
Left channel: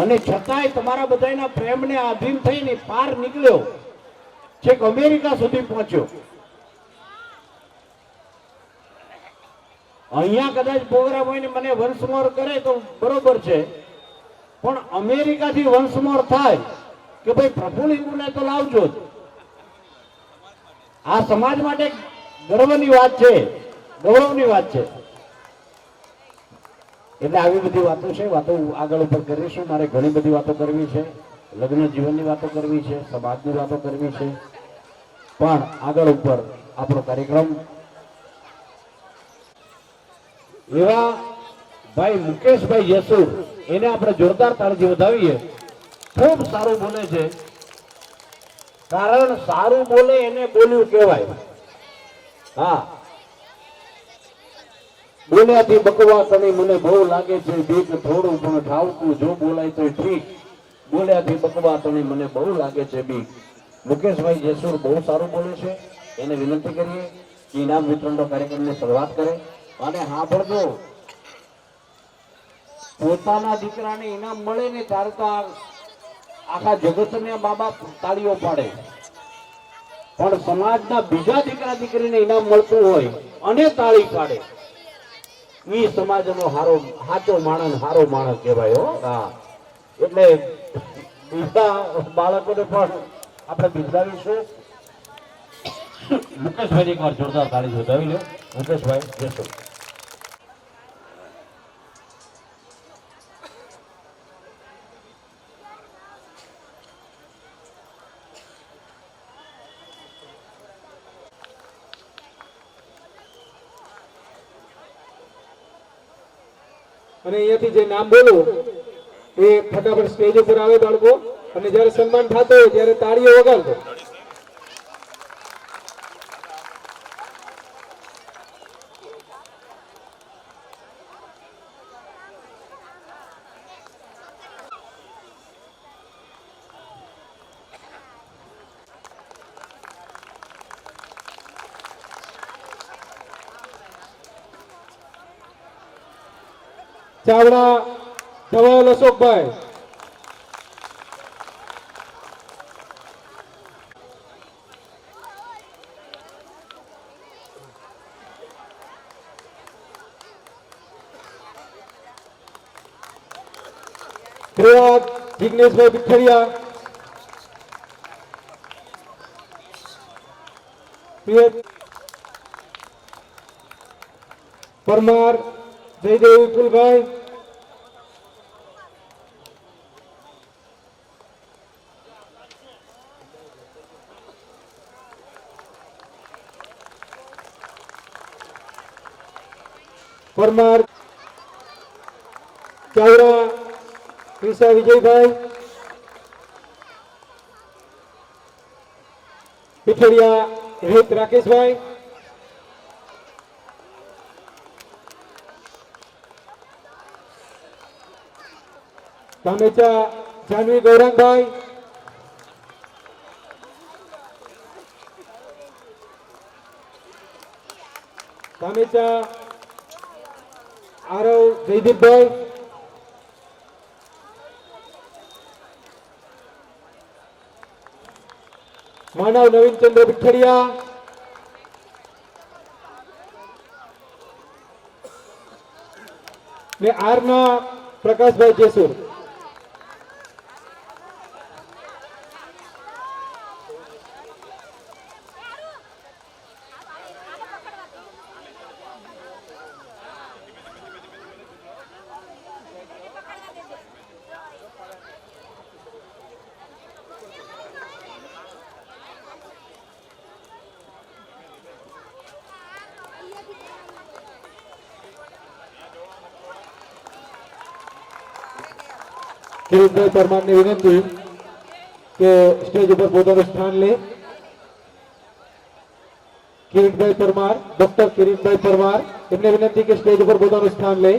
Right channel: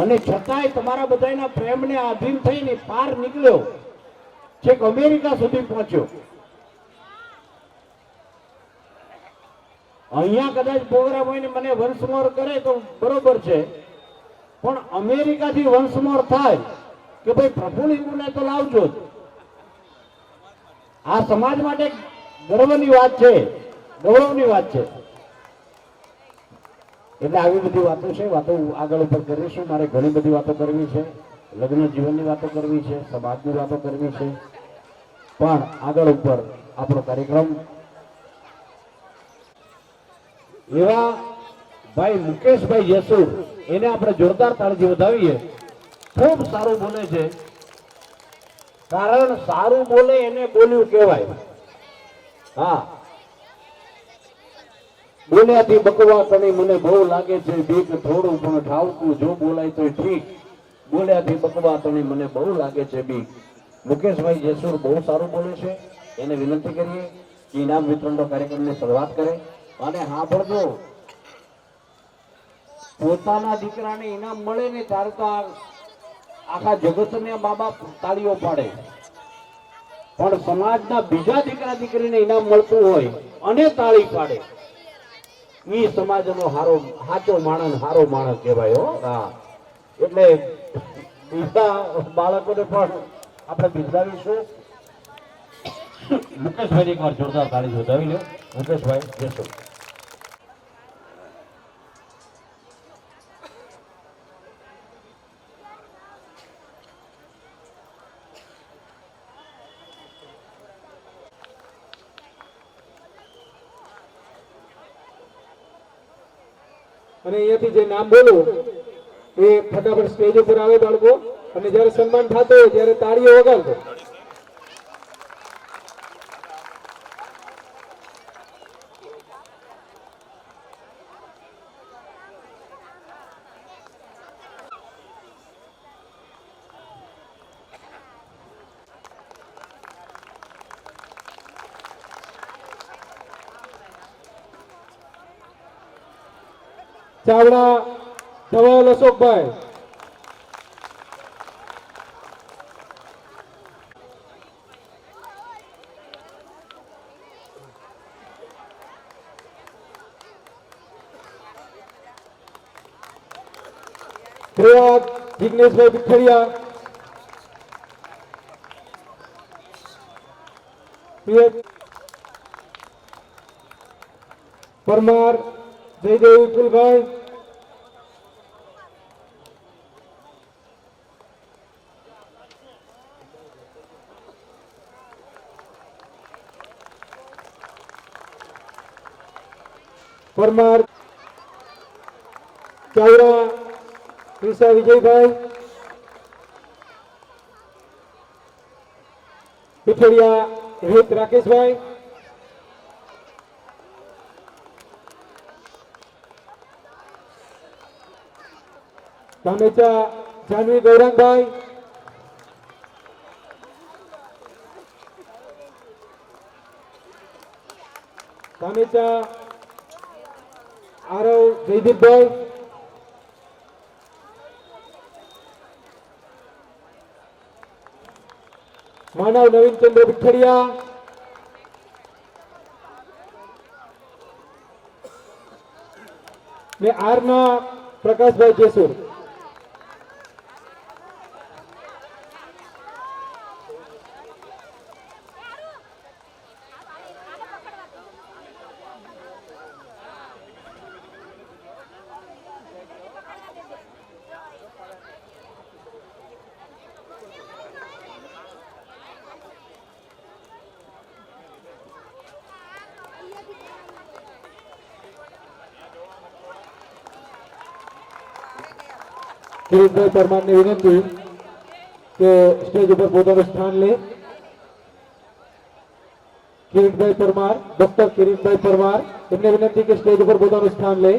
અને છતાંય તમારા બધાના પ્રેમને આધીન થઈને પાર નીકળ્યો, છેક અમેરિકા સુધી પહોંચ્યો. અહીંયા કદાચ પ્રોગ્રામ હોય ને મને વન્સ મોર કરે તો બરોબર છે, પણ અમેરિકાથી વન્સ મોર થાય કે ભાઈ પ્રફુલ્લિંગને તો લાવજો જ. આ સમાજ માટે ગર્વની વાત છે, ગૌરવની વાત છે. એટલે આવી બધી વાતો છે, વાતો આગળ ઉપર કરીશું. મારે ઘણી બધી વાતો કરવી છે, લગ્ન જીવનની વાતો કરવી છે, સમાજની વાતો કરવી છે, પણ આગળ ઉપર આપણો કાર્યક્રમ એવા ભાઈ મુકેશભાઈ યસુર, એને આપણે જોરદાર તાળીથી વધાવીએ. ખૂબ સારું બોલે છે, કારણ સારું બોલે એને બોલ્યું કહેવાય. હા, બોલ્યાથી બકવા તણી મને બહુ લાગે છે બીક, થોડું પણ ઠાવકું જો બોલાય તો ઠીક. બોલ્યાથી બકવા તણી મને બહુ લાગે છે બીક. મુકેશભાઈ જેસુર બહુ સારું બોલે છે, એને વિનંતી કરીએ કે ઇનામ વિતરણનો કાર્યક્રમની શરૂઆત કરે. અને હા ભરજો, પોતાના દીકરાને ઇનામ મળે ને ત્યારે તો આખા જગતને મા બાપ તાળીઓ પાડે, પણ સમાજના બીજા દીકરા દીકરીને ઇનામ મળતું હોય અને તાળી પાડે ઈ સમાજનો હારો સાચો માણસ હારો માણસ કહેવાય હો. હા એટલે બીજા બાળકોને પણ આપણે બિરદાવીશું. મુકેશભાઈ એકવાર જોરદાર તાળી વધાવી લો. મુકેશભાઈ જશો. અને અહીંયાથી જે નામ બોલો એ ફટાફટ સ્ટેજ ઉપર આવે બાળકો, અને જ્યારે સન્માન થતો હોય ત્યારે તાળીઓ વગાડજો. ચાવડા ધવલ અશોકભાઈ, પ્રયાગ જિગ્નેશભાઈ પીઠડિયા, પરમાર જયદેવ વિપુલભાઈ, પરમાર ચાવડા ક્રિષા વિજયભાઈ, પીઠડિયા રોહિત રાકેશભાઈ, ધામેચા જાનવી ગૌરાંગભાઈ, ધામેચા આરવ જયદીપભાઈ, માનવ નવીનચંદ્ર પીઠડિયા, ને આરના પ્રકાશભાઈ જેસુર. કિરીટભાઈ પરમારને વિનંતી કે સ્ટેજ ઉપર પોતાનું સ્થાન લે. કિરીટભાઈ પરમાર, ડોક્ટર કિરીટભાઈ પરમાર, એમને વિનંતી કે સ્ટેજ ઉપર પોતાનું સ્થાન લે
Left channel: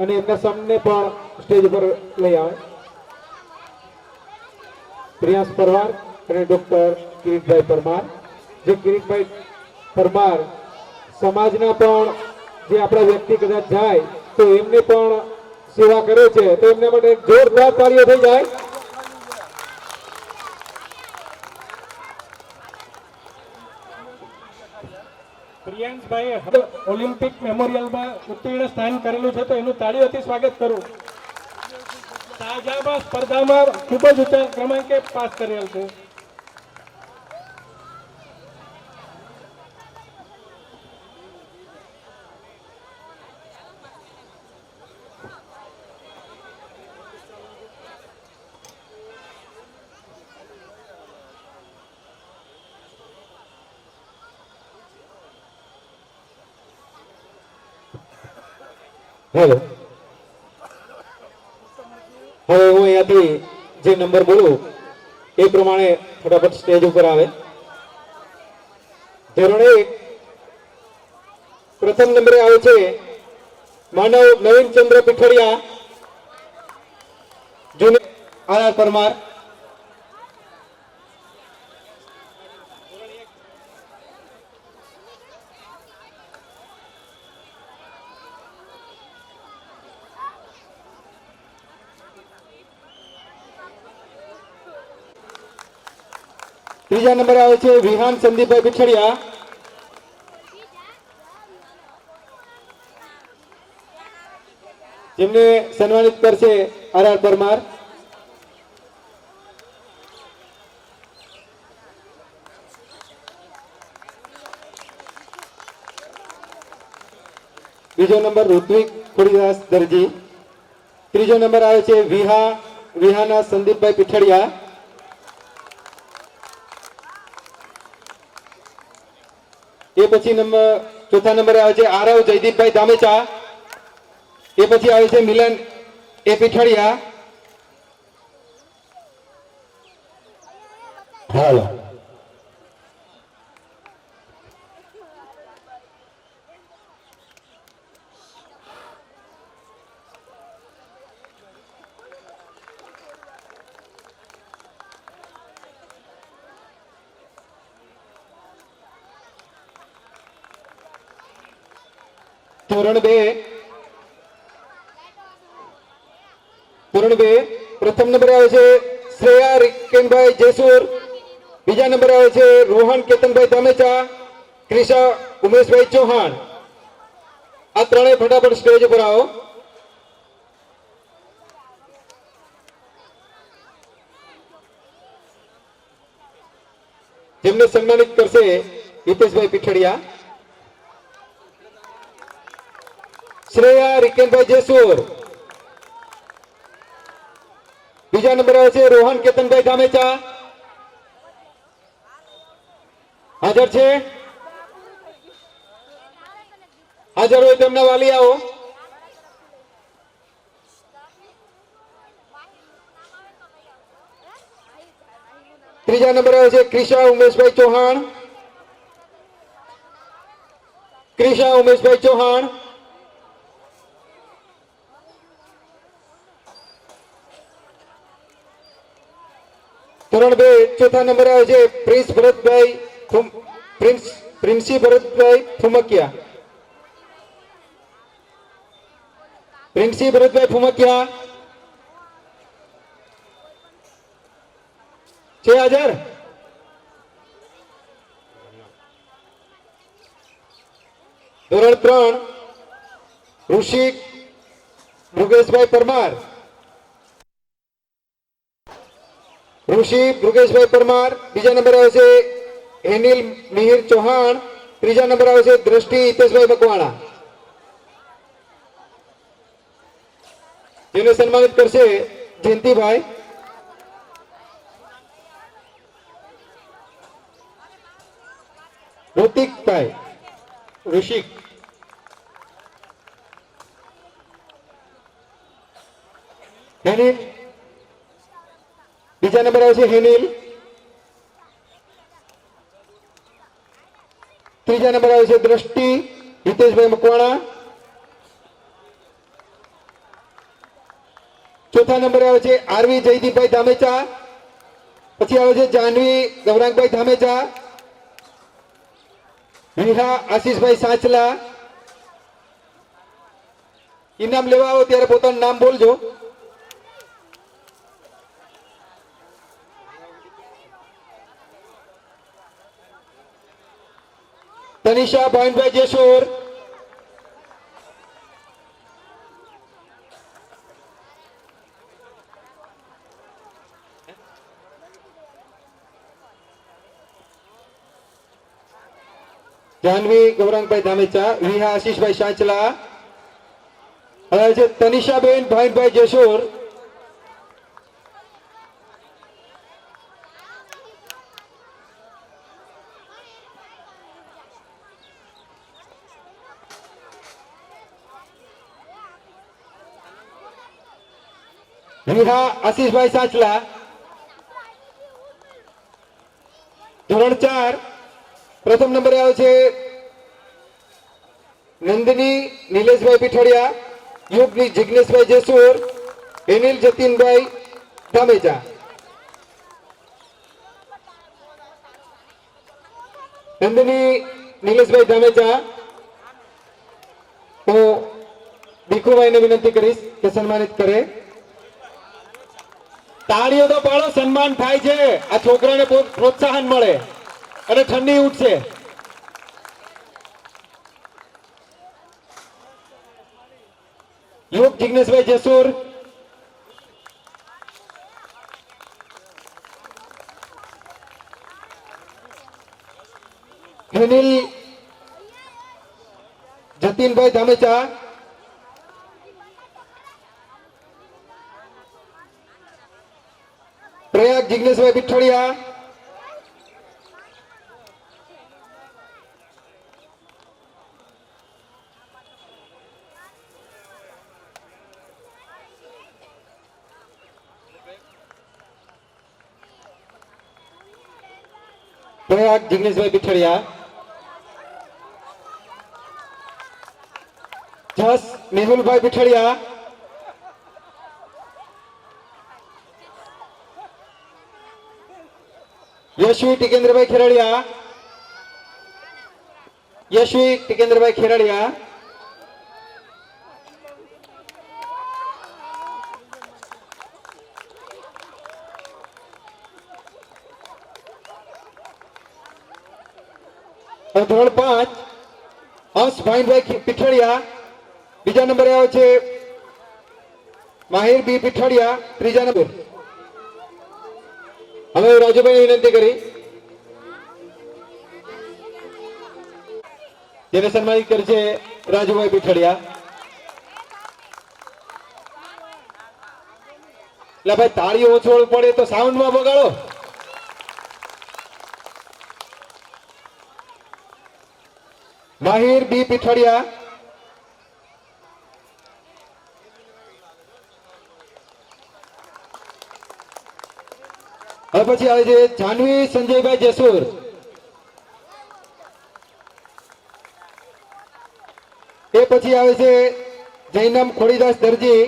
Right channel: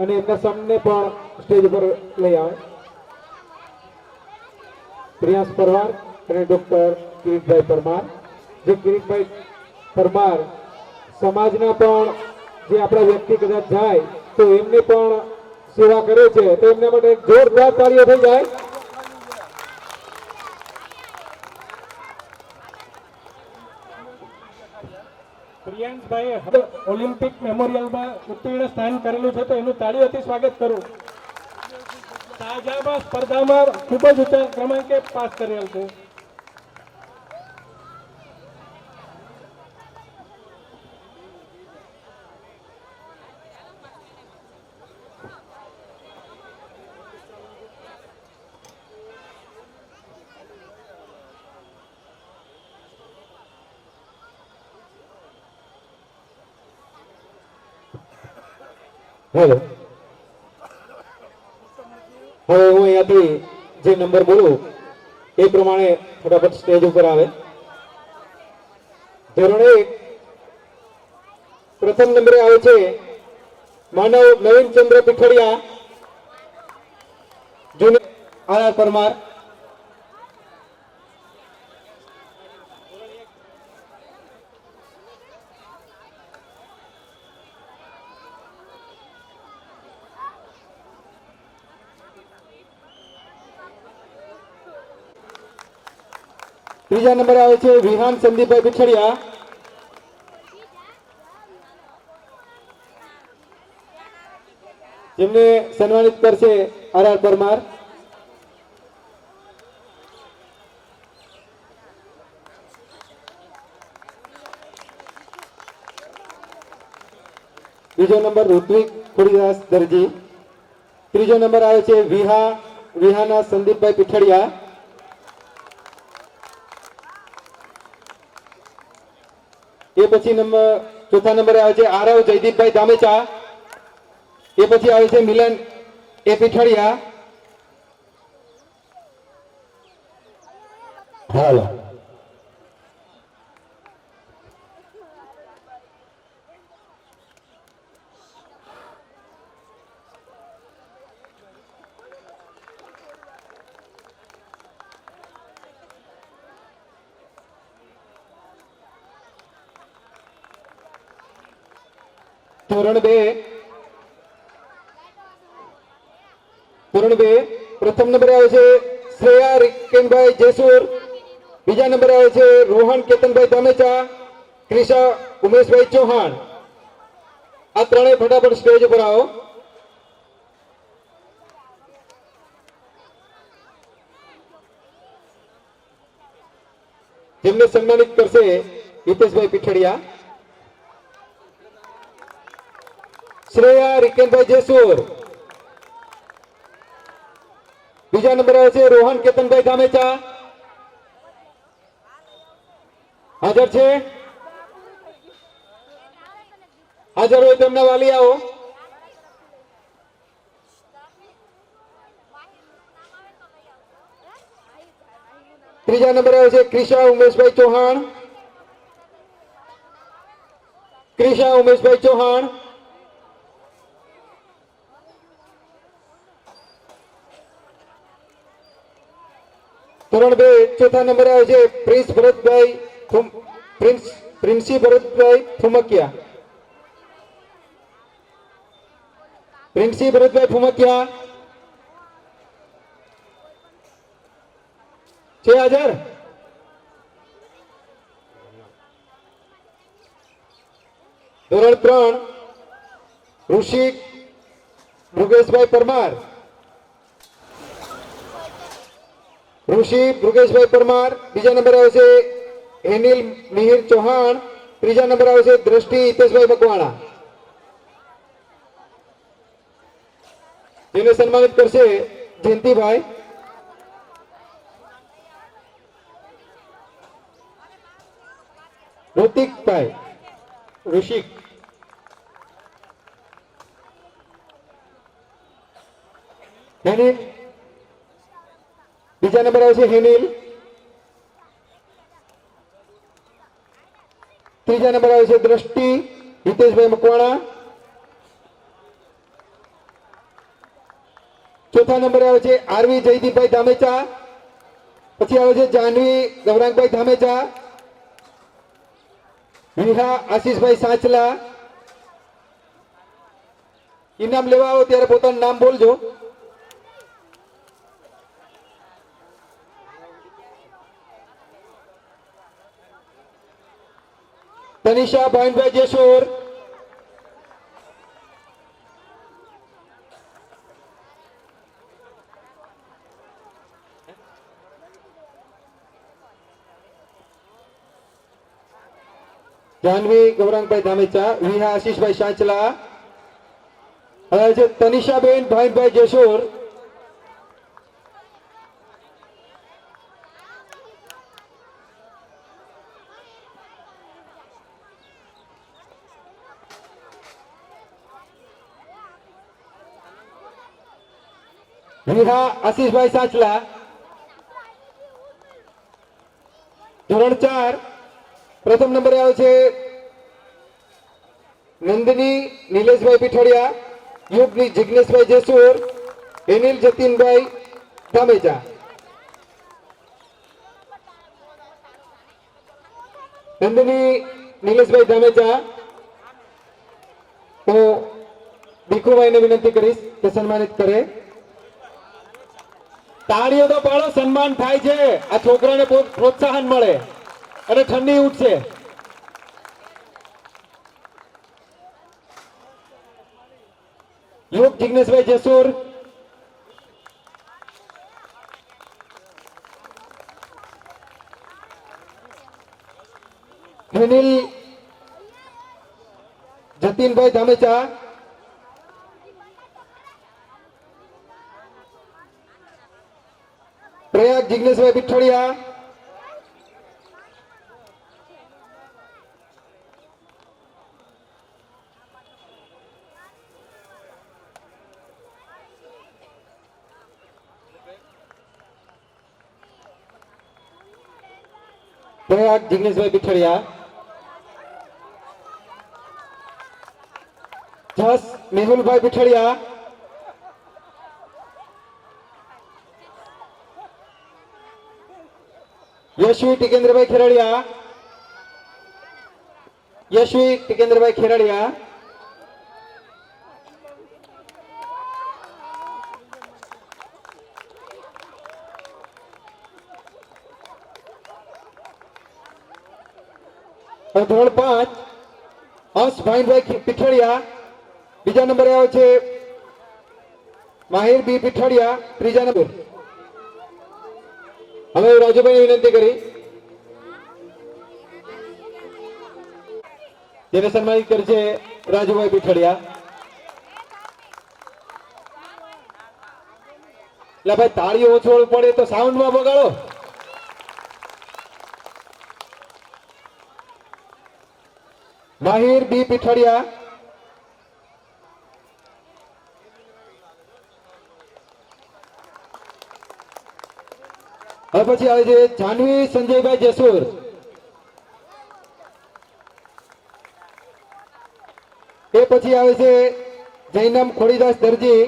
અને એમના સામને પણ સ્ટેજ ઉપર લઈ આવે. પ્રિયાંશ પરમાર અને ડોક્ટર કિરીટભાઈ પરમાર, જે કિરીટભાઈ પરમાર સમાજના પણ જે આપણા વ્યક્તિ કદાચ જાય તો એમને પણ સેવા કરે છે, તો એમના માટે એક જોરદાર તાળીઓ થઈ જાય. પ્રિયાંશભાઈએ ઓલિમ્પિક મેમોરિયલમાં ઉત્તીર્ણ સ્થાન કરેલું છે, તો એનું તાળીઓથી સ્વાગત કરું. શાહજહાબાદ સ્પર્ધામાં ખૂબ જ ઊંચા ક્રમાંકે પાસ કરેલ છે. હેલો, હવે હું અહીંયાથી જે નંબર બોલું એ પ્રમાણે ફટાફટ સ્ટેજ ઉપર આવે. ધોરણ 1 પ્રથમ નંબરે આવે છે માનવ નવીનચંદ્ર પીઠડિયા, જુનિયર આર પરમાર. ત્રીજા નંબરે આવે છે વિહાન સંદીપભાઈ પીઠડિયા, જેમને સન્માનિત કરશે આર પરમાર. બીજો નંબર ઋત્વિક ખોડીદાસ દરજી. ત્રીજો નંબર આવે છે વિહાના સંદીપભાઈ પીઠડિયા. એ પછી ચોથા નંબરે આવે છે આરવ જયદીપભાઈ ધામેચા. એ પછી આવે છે મિલન એ પીઠડિયા. હાલો ધોરણ 2 પ્રથમ નંબરે આવે છે શ્રેયા રિકેનભાઈ જેસુર. બીજા નંબરે આવે છે રોહન કેતનભાઈ ધામેચા, ક્રિશા ઉમેશભાઈ ચૌહાણ. આ ત્રણેય ફટાફટ સ્ટેજ ઉપર આવો. જેમને સન્માનિત કરશે હિતેશભાઈ પીઠડિયા. શ્રેયા રિકેનભાઈ જેસુર. બીજા નંબરે આવે છે રોહન કેતનભાઈ ધામેચા. હાજર છે? હાજર હોય તેમના વાલિયાઓ. ત્રીજા નંબરે આવે છે ક્રિશા ઉમેશભાઈ ચૌહાણ. ક્રિશા ઉમેશભાઈ ચૌહાણ. ધોરણ 2 ચોથા નંબરે આવે છે પ્રિન્સી ભરતભાઈ ફુમકિયા. પ્રિન્સી ભરતભાઈ ફુમકિયા છે હાજર? ધોરણ 3 ઋષિક મૃગેશભાઈ પરમાર. ઋષિ મૃગેશભાઈ પરમાર. બીજા નંબર આવે છે હેનિલ મિહિર ચૌહાણ. ત્રીજા નંબર આવે છે દ્રષ્ટિ હિતેશભાઈ મકવાણા. જેને સન્માનિત કરશે જયંતિભાઈ. ઋતિકભાઈ ઋષિક. હેનિલ. બીજા નંબર આવે છે હેનિલ. ત્રીજા નંબર આવે છે દ્રષ્ટિ હિતેશભાઈ મકવાણા. ચોથા નંબરે આવે છે આરવી જયદીપભાઈ ધામેચા. પછી આવે છે જાનવી ગૌરાંગભાઈ ધામેચા. વિહા આશીષભાઈ સાંચલા. ઇનામ લેવા આવો ત્યારે પોતાનું નામ બોલજો. તનિષા ભાઈનભાઈ જેસુર. જાનવી ગૌરાંગભાઈ ધામેચા. વિહા આશીષભાઈ સાંચલા. હવે છે તનિષાબેન ભાઈનભાઈ જેસુર. વિહા આશીષભાઈ સાંચલા. ધોરણ 4 પ્રથમ નંબરે આવે છે નંદિની નિલેશભાઈ પીઠડિયા. યુગની જિગ્નેશભાઈ જેસુર. હેનિલ જતીનભાઈ ધામેચા. નંદિની નિલેશભાઈ ધામેચા. તો ભીખુભાઈને વિનંતી કરીશ કે સન્માનિત કરે. તાળીઓ તો પાડો, સન્માન થાય છે. આ છોકરાને પ્રોત્સાહન મળે અને ઠંડી ઉઠશે. યુગ જિગ્નેશભાઈ જેસુર, અનિલ જતીનભાઈ ધામેચા, પ્રયાગ જિગ્નેશભાઈ પીઠોડિયા, પ્રયાગ જિગ્નેશભાઈ પીઠોડિયા, જસ મેહુલભાઈ પીઠોડિયા, યશવી ટિકેન્દ્રભાઈ ખેરડિયા, યશવી ટિકેન્દ્રભાઈ ખેરડિયા, ધોરણ 5 હંસ ભાઈભાઈ પીઠોડિયા, બીજા નંબરે આવે છે માહિર બી પીઠોડિયા, ત્રીજા નંબર. હવે રાજુભાઈ વિનંતી કરી જેને સન્માનિત કરે છે રાજુભાઈ પીઠોડિયા. એટલે ભાઈ તાળીઓ ઓછો પડે તો સાઉન્ડમાં બગાડો. માહિર બી પીઠોડિયા, હવે પછી આવે છે જાનવી સંજયભાઈ જેસુર, એ પછી આવે છે જૈનમ ખોડીદાસ દરજી,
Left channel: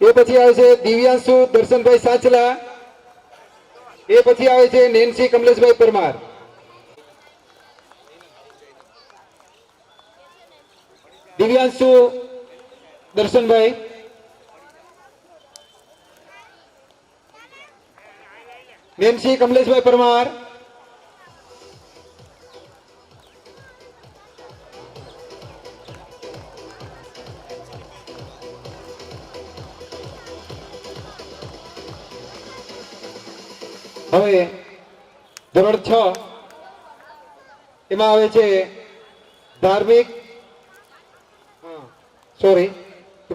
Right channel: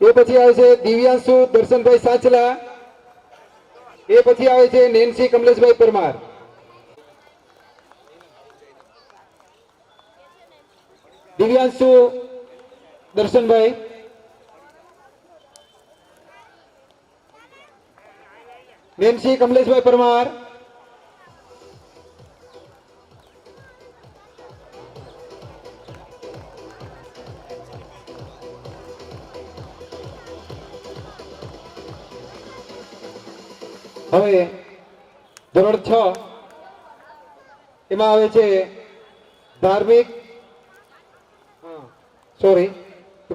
એ પછી આવે છે દિવ્યાંશુ દર્શનભાઈ સાચલા, એ પછી આવે છે નેન્સી કમલેશભાઈ પરમાર. દિવ્યાંશુ દર્શનભાઈ, નેન્સી કમલેશભાઈ પરમાર, હવે ધોરણ 6 એમાં આવે છે ધાર્મિક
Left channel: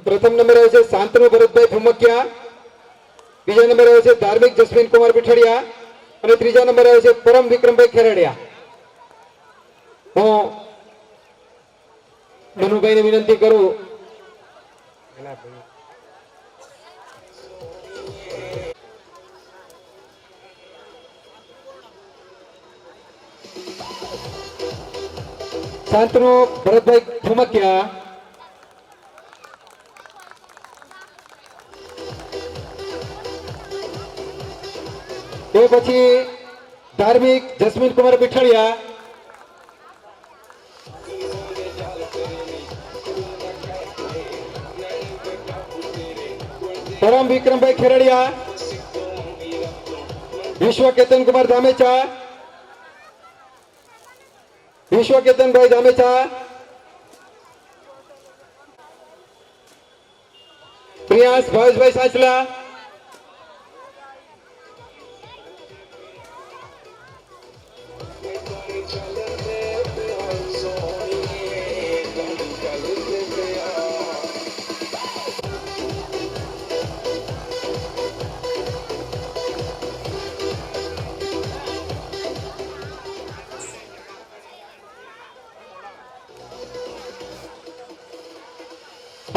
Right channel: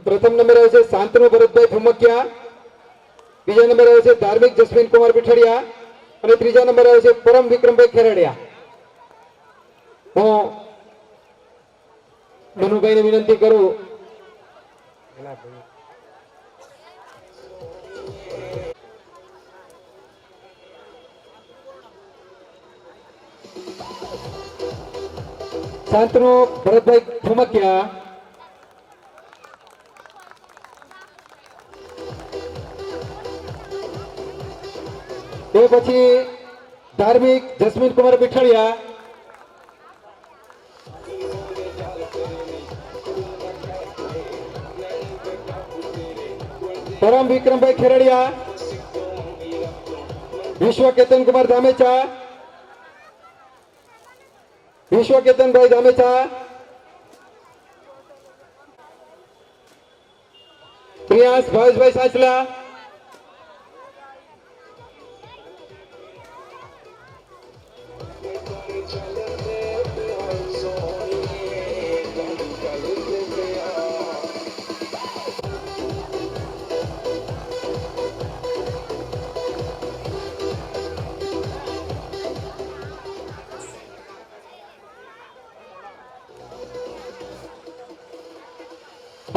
પ્રથમ નંબર આવે છે શાંતનુ ભરતભાઈ ભૂમકિયા, બીજા નંબર આવે છે ધાર્મિક જસ્મીન કુમાર પીઠડિયા અને ત્રીજા નંબર આવે છે પરમ વિક્રમભાઈ ખેરડિયા. હું મનુભાઈને વિનંતી કરું શાંતનુ ભરતભાઈ ભૂમકિયા, એ પછી Dharmik Jasmin Kumar Pithadiya, Param Vikrambhai Kheradiya, Vishwa Ketan Kumar Dhamecha, Vishwa Ketanbhai Dhamecha, Priyansh Bhaveshbhai Sachala,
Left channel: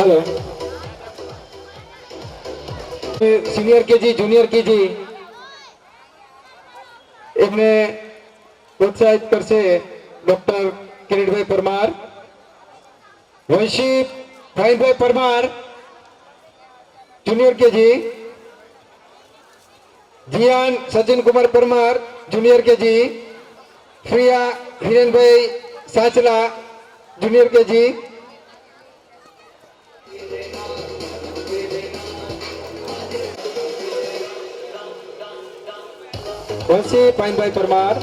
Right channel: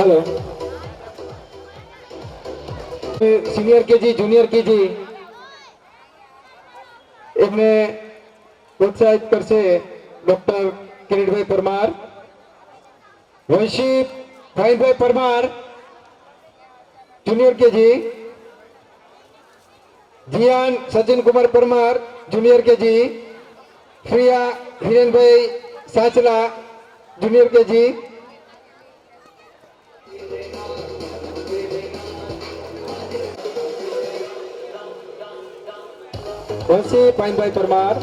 hello senior KG junior KG एमने प्रोत्साहित करसे डॉक्टर किरीटभाई परमार, वंशी भाईभाई Parmar junior KG, Jiyan Sachin Kumar Parmar junior KG, Priya Hiren bhai Sachala junior KG, Vanshi पाइनभाई परमार,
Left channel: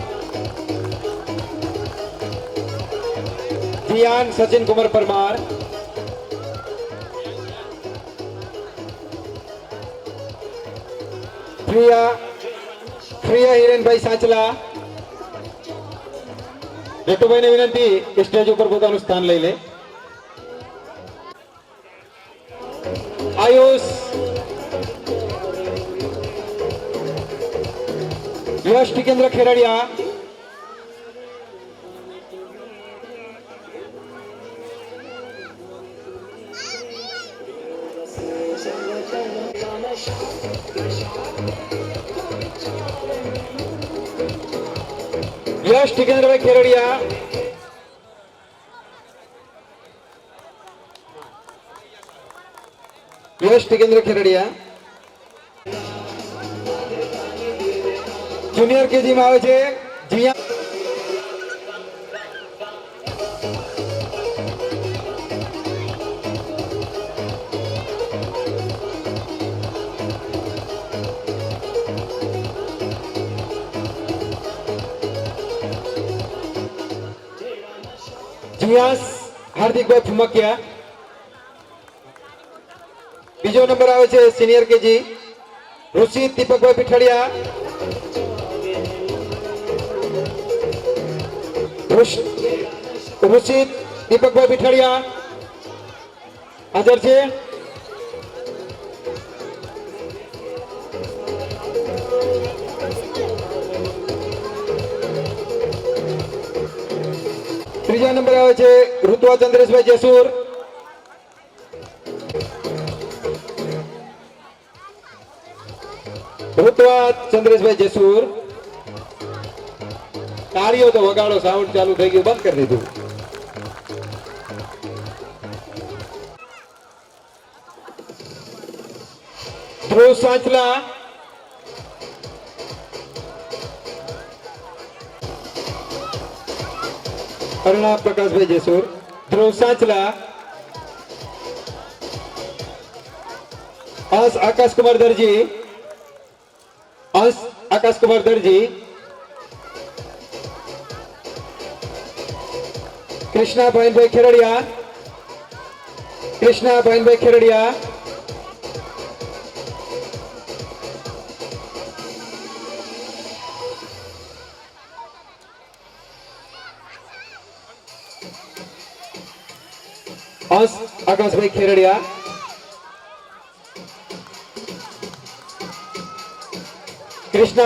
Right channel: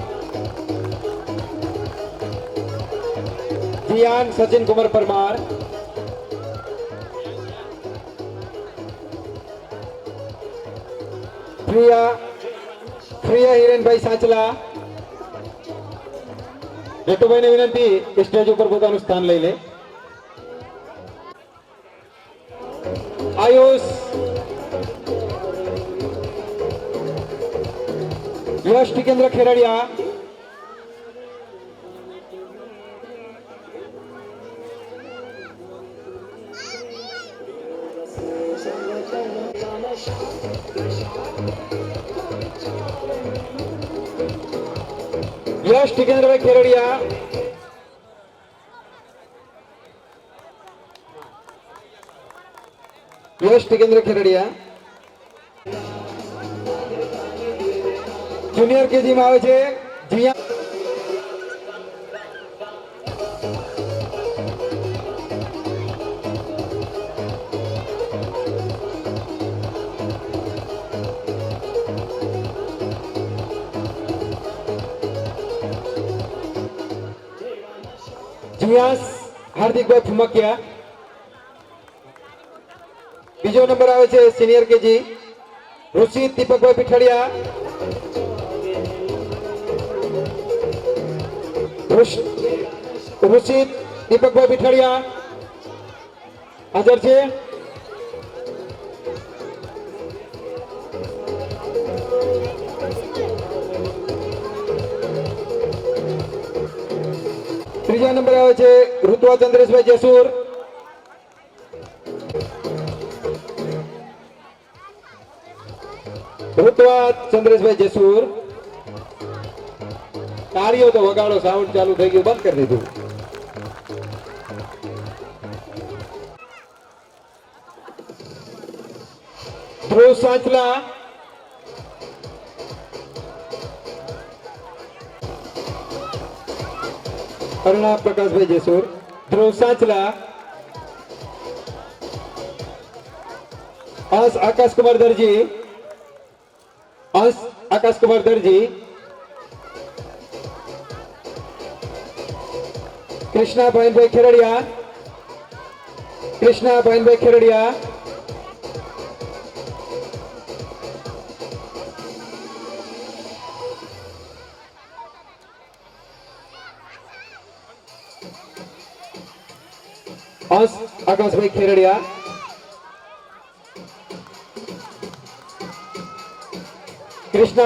जियान सचिन कुमार परमार, પ્રિયા હિરેનભાઈ સાંચલા. જેઠુભાઈને વિનંતી કે સ્ટેજ ઉપર પોતાનું સ્થાન લઈ લે. આયુષ, યશ ટિકેન્દ્ર ખેરડિયા, યશ ટિકેન્દ્રભાઈ ખેરડિયા, યશ ટિકેન્દ્ર ખેરડિયા. જુનિયર કેજી માં આવે છે જીયા जियास हार्दिकભાઈ ફુમકિયા. બીજો નંબર આવે છે સિનિયર કેજી ઋષિત દીપકભાઈ પીઠડિયા. ઋષિત દીપકભાઈ પીઠડિયા હાજર છે. ત્રીજા નંબર આવે છે ઋતુઆ ચંદ્રેશભાઈ જેસુર. ઋતુઆ ચંદ્રેશભાઈ જેસુર. તાળીઓ તો વગાડો, સાઉન્ડ ચાલુ થઈ ગયું, બંધ કરી દીધું. ધ્રુવ સાંચલા, અરુણા પ્રકાશભાઈ જેસુર. ધ્રુવ સાંચલા, અંશ આકાશ કુમાર દરજી, અંશ આકાશ કુમાર દરજી. કૃષ્ણા ભાઈનભાઈ ખેરડિયા, કૃષ્ણા ભાઈનભાઈ ખેરડિયા. अंश आकाशभाई खेरडिया. कृष्णा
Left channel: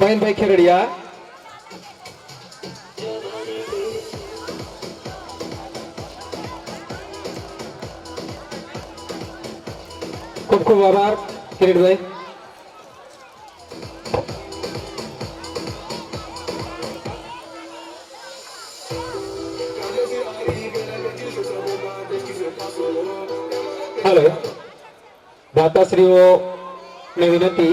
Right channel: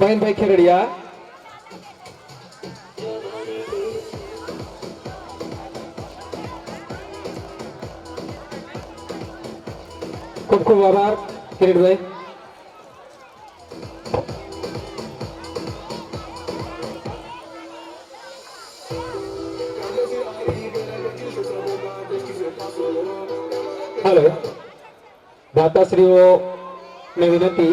बहनभाई खेरडिया. खूब खूब आभार किरीट भाई. हेलो दाताश्रीओने विनंती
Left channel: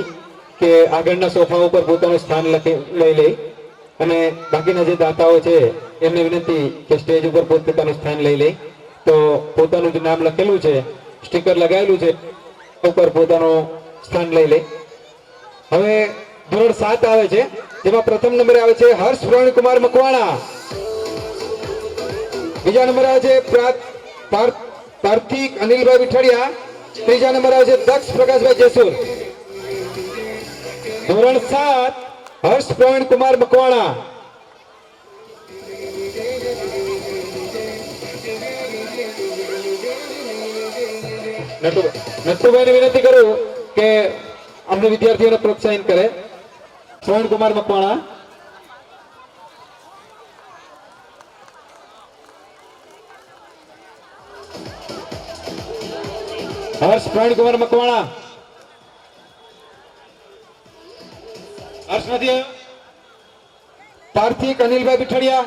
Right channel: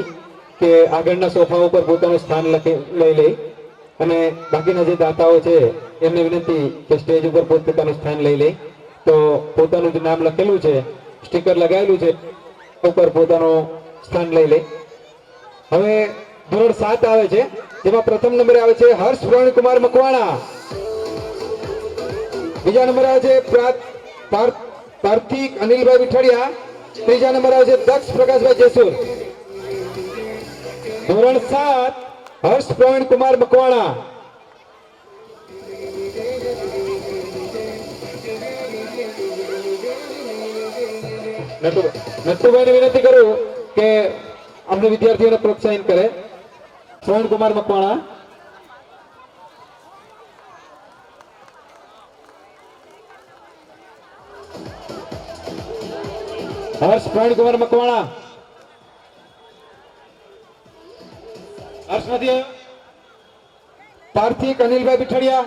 के આગળના સોફા ઉપર પોતાનું સ્થાન લઈ લે અને બાકીના જે દાતાઓ છે એમને વિનંતી કે સ્ટેજ ઉપર પોતાનું સ્થાન લઈ લે. તો પોતાનું જે નામ લખેલું છે, સ્ટીકર લગાવેલું છે, ઉપર પોતાનું સ્થાન લઈ લે. હવે ધોરણ 7 આવે છે, જેમાં પ્રથમ નંબરે આવે છે હર્ષ પ્રવીણ કુમાર મકવાણા. બીજા નંબરે આવે છે પાર્થિક અનિલભાઈ વિઠડિયા. ત્રીજા નંબર આવે છે દક્ષ પ્રકાશભાઈ જેસુર. ધોરણ 7 હર્ષ પ્રવીણ કુમાર મકવાણા. નટુભાઈને વિનંતી કરું કે અમને વિદ્યાર્થીઓને પ્રોત્સાહિત કરે. પ્રવીણ કુમાર મકવાણા. हर्ष प्रवीण कुमार मकवाणा. हर्ष નથી. पार्थिक अनिलभाई बिठड़िया.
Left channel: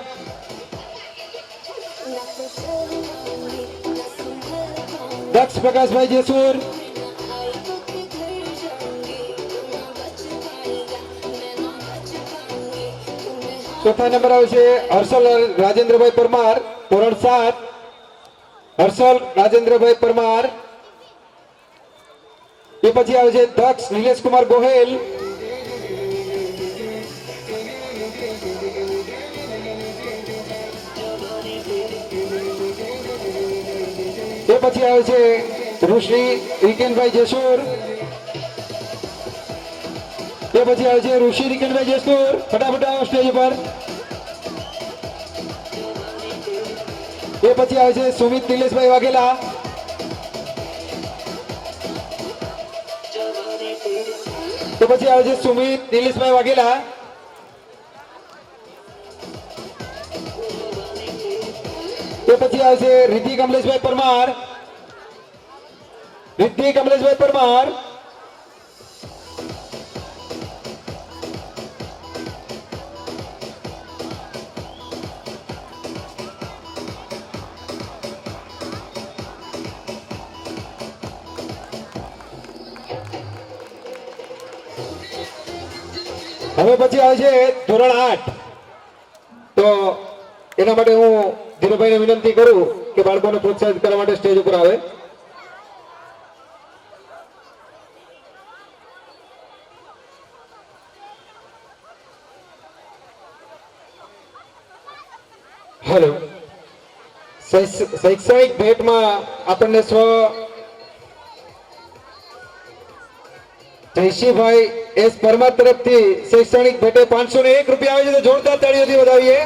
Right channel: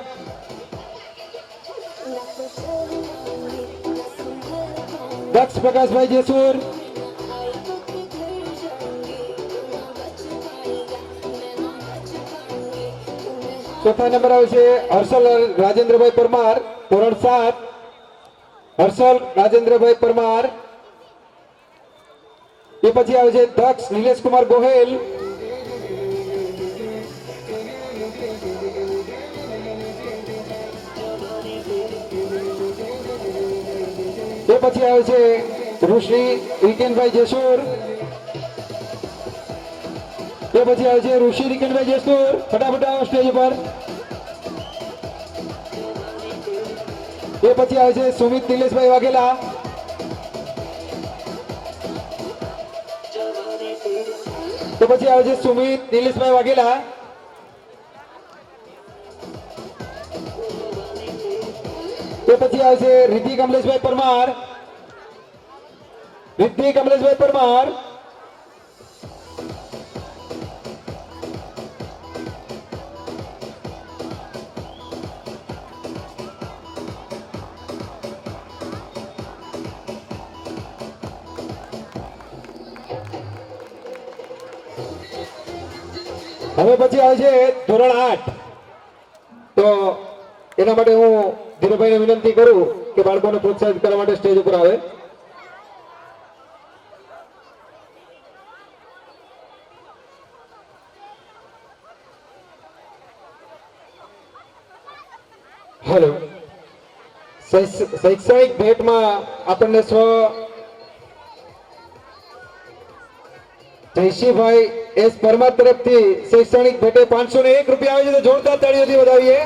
दक्ष प्रकाश भाई जेसूर. चौथा नंबर આવે છે હર્ષલ રાજેન્દ્રભાઈ પરમાર. ધોરણ 7 હર્ષલ રાજેન્દ્રભાઈ પરમાર. એ પછી આવે છે દક્ષ નિલેશ કુમાર ગોહેલ. એ પછી આવે છે ઋષિ રિકેનભાઈ જેસુર. એ પછી આવે છે ઋષિ રિકેનભાઈ જેસુર. ફટાફટ આવો સ્ટેજ ઉપર. એ પછી આવે છે સુમિત નિલેશભાઈ વાઘેલા. એ પછી આવે છે સુમિત નિલેશભાઈ વાઘેલા. એ પછી આવે છે રિદ્ધિ કમલેશભાઈ પરમાર. રિદ્ધિ કમલેશભાઈ પરમાર. હવે પછી આવે છે ધોરણ 8. તો એના માટે હું ધીરુભાઈને વિનંતી કરું કે બાળકોને પ્રોત્સાહિત કરવા માટે સ્ટેજ ઉપર આવે. હેલો. શૈક્ષણિક ભેટમાં આપણને જયશીભાઈ એસ પરમાર તરફથી શૈક્ષણિક ભેટે 501 રૂપિયા આવે છે. તો જોરદાર તાળીઓથી વધાવીએ.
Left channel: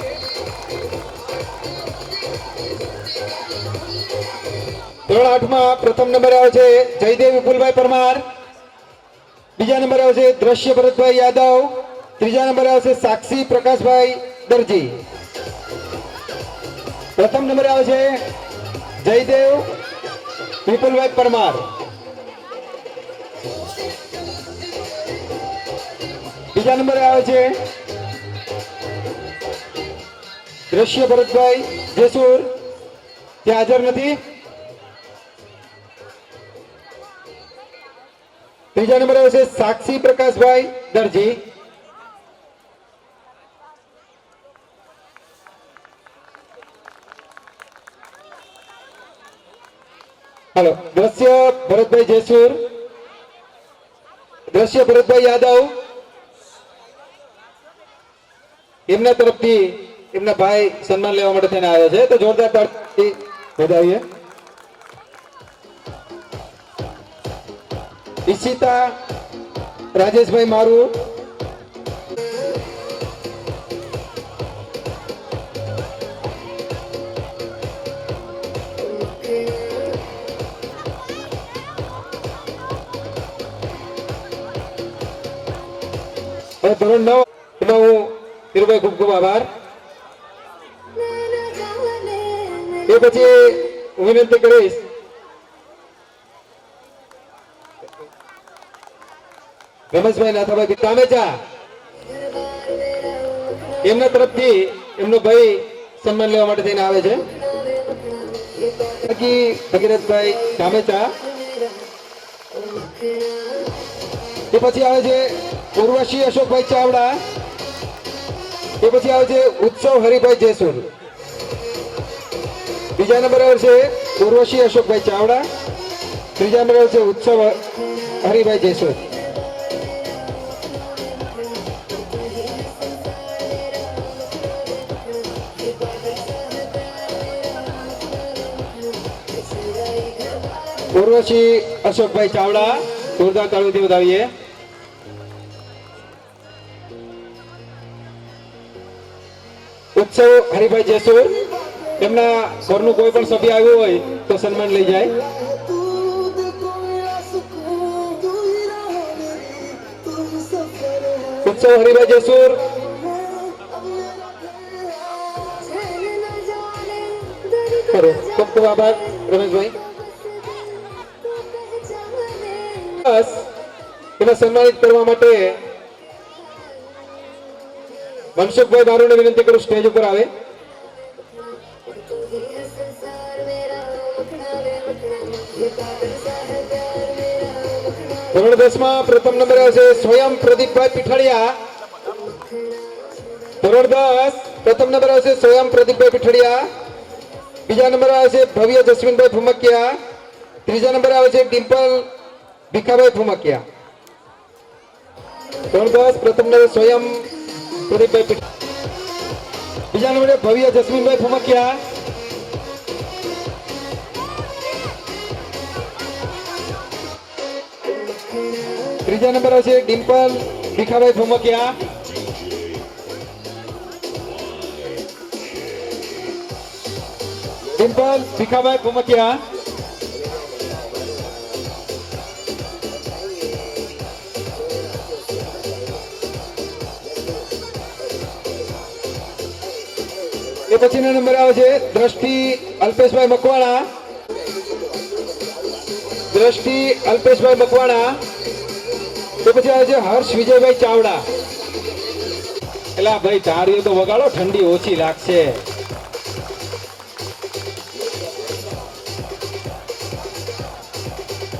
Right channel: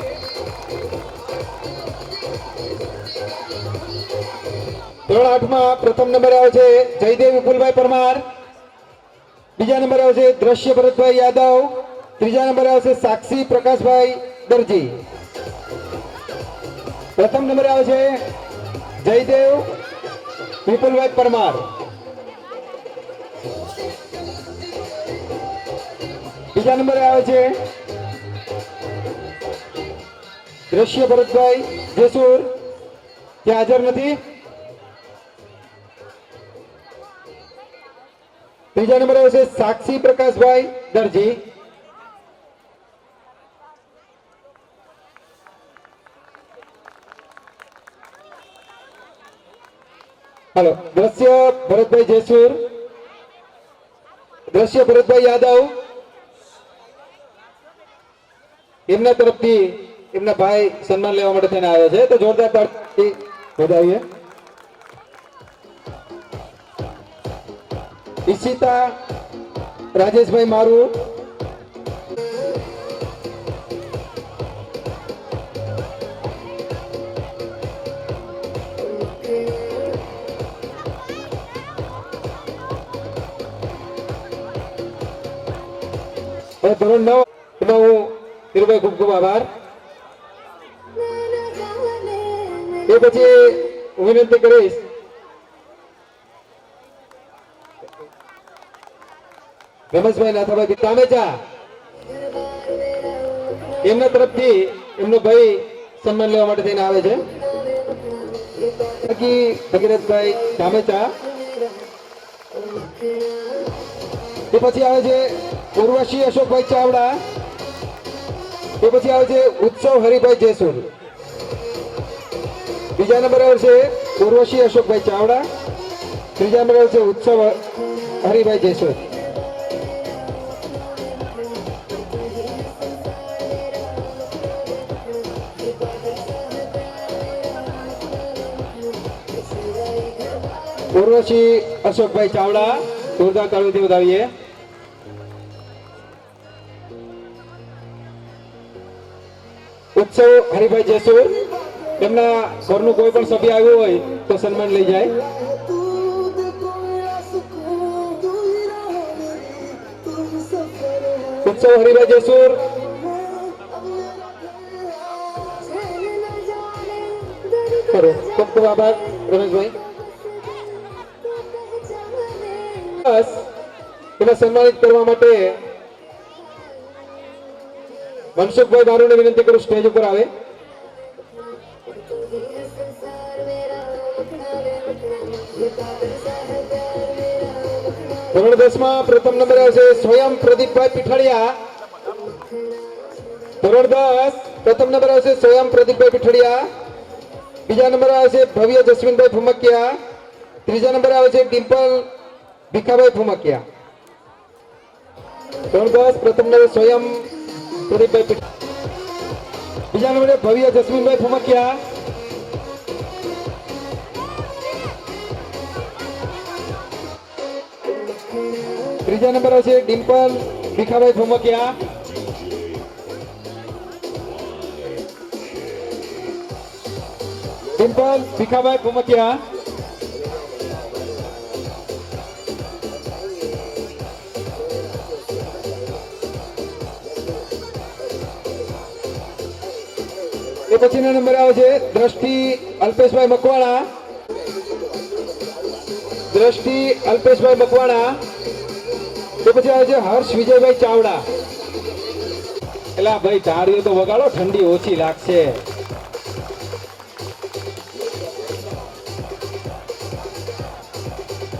ધોરણ 8 માં પ્રથમ નંબર આવે છે જયદેવ વિપુલભાઈ પરમાર. બીજા નંબર આવે છે દ્રશ્ય ભરતભાઈ યાદવ. ત્રીજા નંબર આવે છે સાક્ષી પ્રકાશભાઈ દરજી. પ્રથમ નંબર આવે છે જયદેવ વિપુલભાઈ પરમાર. બીજા નંબરે આવે છે દ્રશ્ય ભરતભાઈ જેસુર. ત્યાં હાજર નથી. ત્રીજા નંબરે આવે છે સાક્ષી પ્રકાશભાઈ દરજી. હાલો. દ્રશ્ય ભરતભાઈ જેસુર. દ્રશ્ય ભરતભાઈ યાદવ. એમના તરફથી એમના ભાઈ સન્માન લેવા માટે થઈને આવ્યા છે. તો જોરદાર તાળીથી વધાવીએ. ઈશિતા રાજેશભાઈ મારું. ધોરણ 9 એમાં હું ધીરુભાઈ ખૂબ ખૂબ આભાર. એ પછી હું વિનંતી કરીશ રમેશભાઈ નાથાભાઈ કામેચા. એમના તરફથી એમનો ભાઈ સન્માન લેવા માટે થઈને આવે છે. ભગીરથભાઈ કામેચા. એ પછી આવે છે ઉર્વશી અશોકભાઈ ચાવડા. એ પછી આવે છે ઉત્સવ હરિભાઈ જેસુર. બીજા નંબર આવે છે ઉર્વશી અશોકભાઈ ચાવડા. ત્રીજા નંબર આવે છે ઉત્સવ હરિભાઈ જેસુર. ઉર્વશી અશોકભાઈ ચાવડા. જોરદાર તાળીઓથી વધાવીએ. ઉત્સવ હરિભાઈ જેસુર. એમના ઘરનું કોઈ પણ સભ્ય આવ્યું હોય તો સન્માન લઈ જાય. ઉત્સવ હરિભાઈ જેસુર. ખરો. ખૂબ ખૂબ આભાર રમેશભાઈ. બસ એને સન્માનિત કરવા માટે મનસુખભાઈ બારોને વિનંતી કરું સ્ટેજ ઉપર આવે. ધોરણ 10 માં પ્રથમ નંબર આવે છે સ્વયં પ્રદીપભાઈ પીઠડિયા. ધોરણ 10 પ્રથમ નંબર આવે છે સ્વયં પ્રદીપભાઈ પીઠડિયા. બીજા નંબર આવે છે ભવ્ય જસ્મીનભાઈ ફુમકિયા. ત્રીજા નંબર આવે છે ડિમ્પલ ભીખાભાઈ ફુમકિયા. ધોરણ 10 પ્રથમ નંબર સ્વયં પ્રદીપભાઈ પીઠડિયા. બીજા નંબરે ભવ્ય જસ્મીનભાઈ ફુમકિયા. ત્રીજા નંબર આવશે ડિમ્પલ ભીખાભાઈ ભમકિયા. ડિમ્પલ ભીખાભાઈ ભમકિયા. એ પછીનો નંબર આવે છે દ્રષ્ટિ અલ્પેશભાઈ મકવાણા. દ્રષ્ટિ અલ્પેશભાઈ મકવાણા. એ પછી આવે છે હર્ષ વિજયભાઈ ચાવડા. એલા ભાઈ તાળીઓ તો વગાડો, ઠંડી ઓછી લાગશે.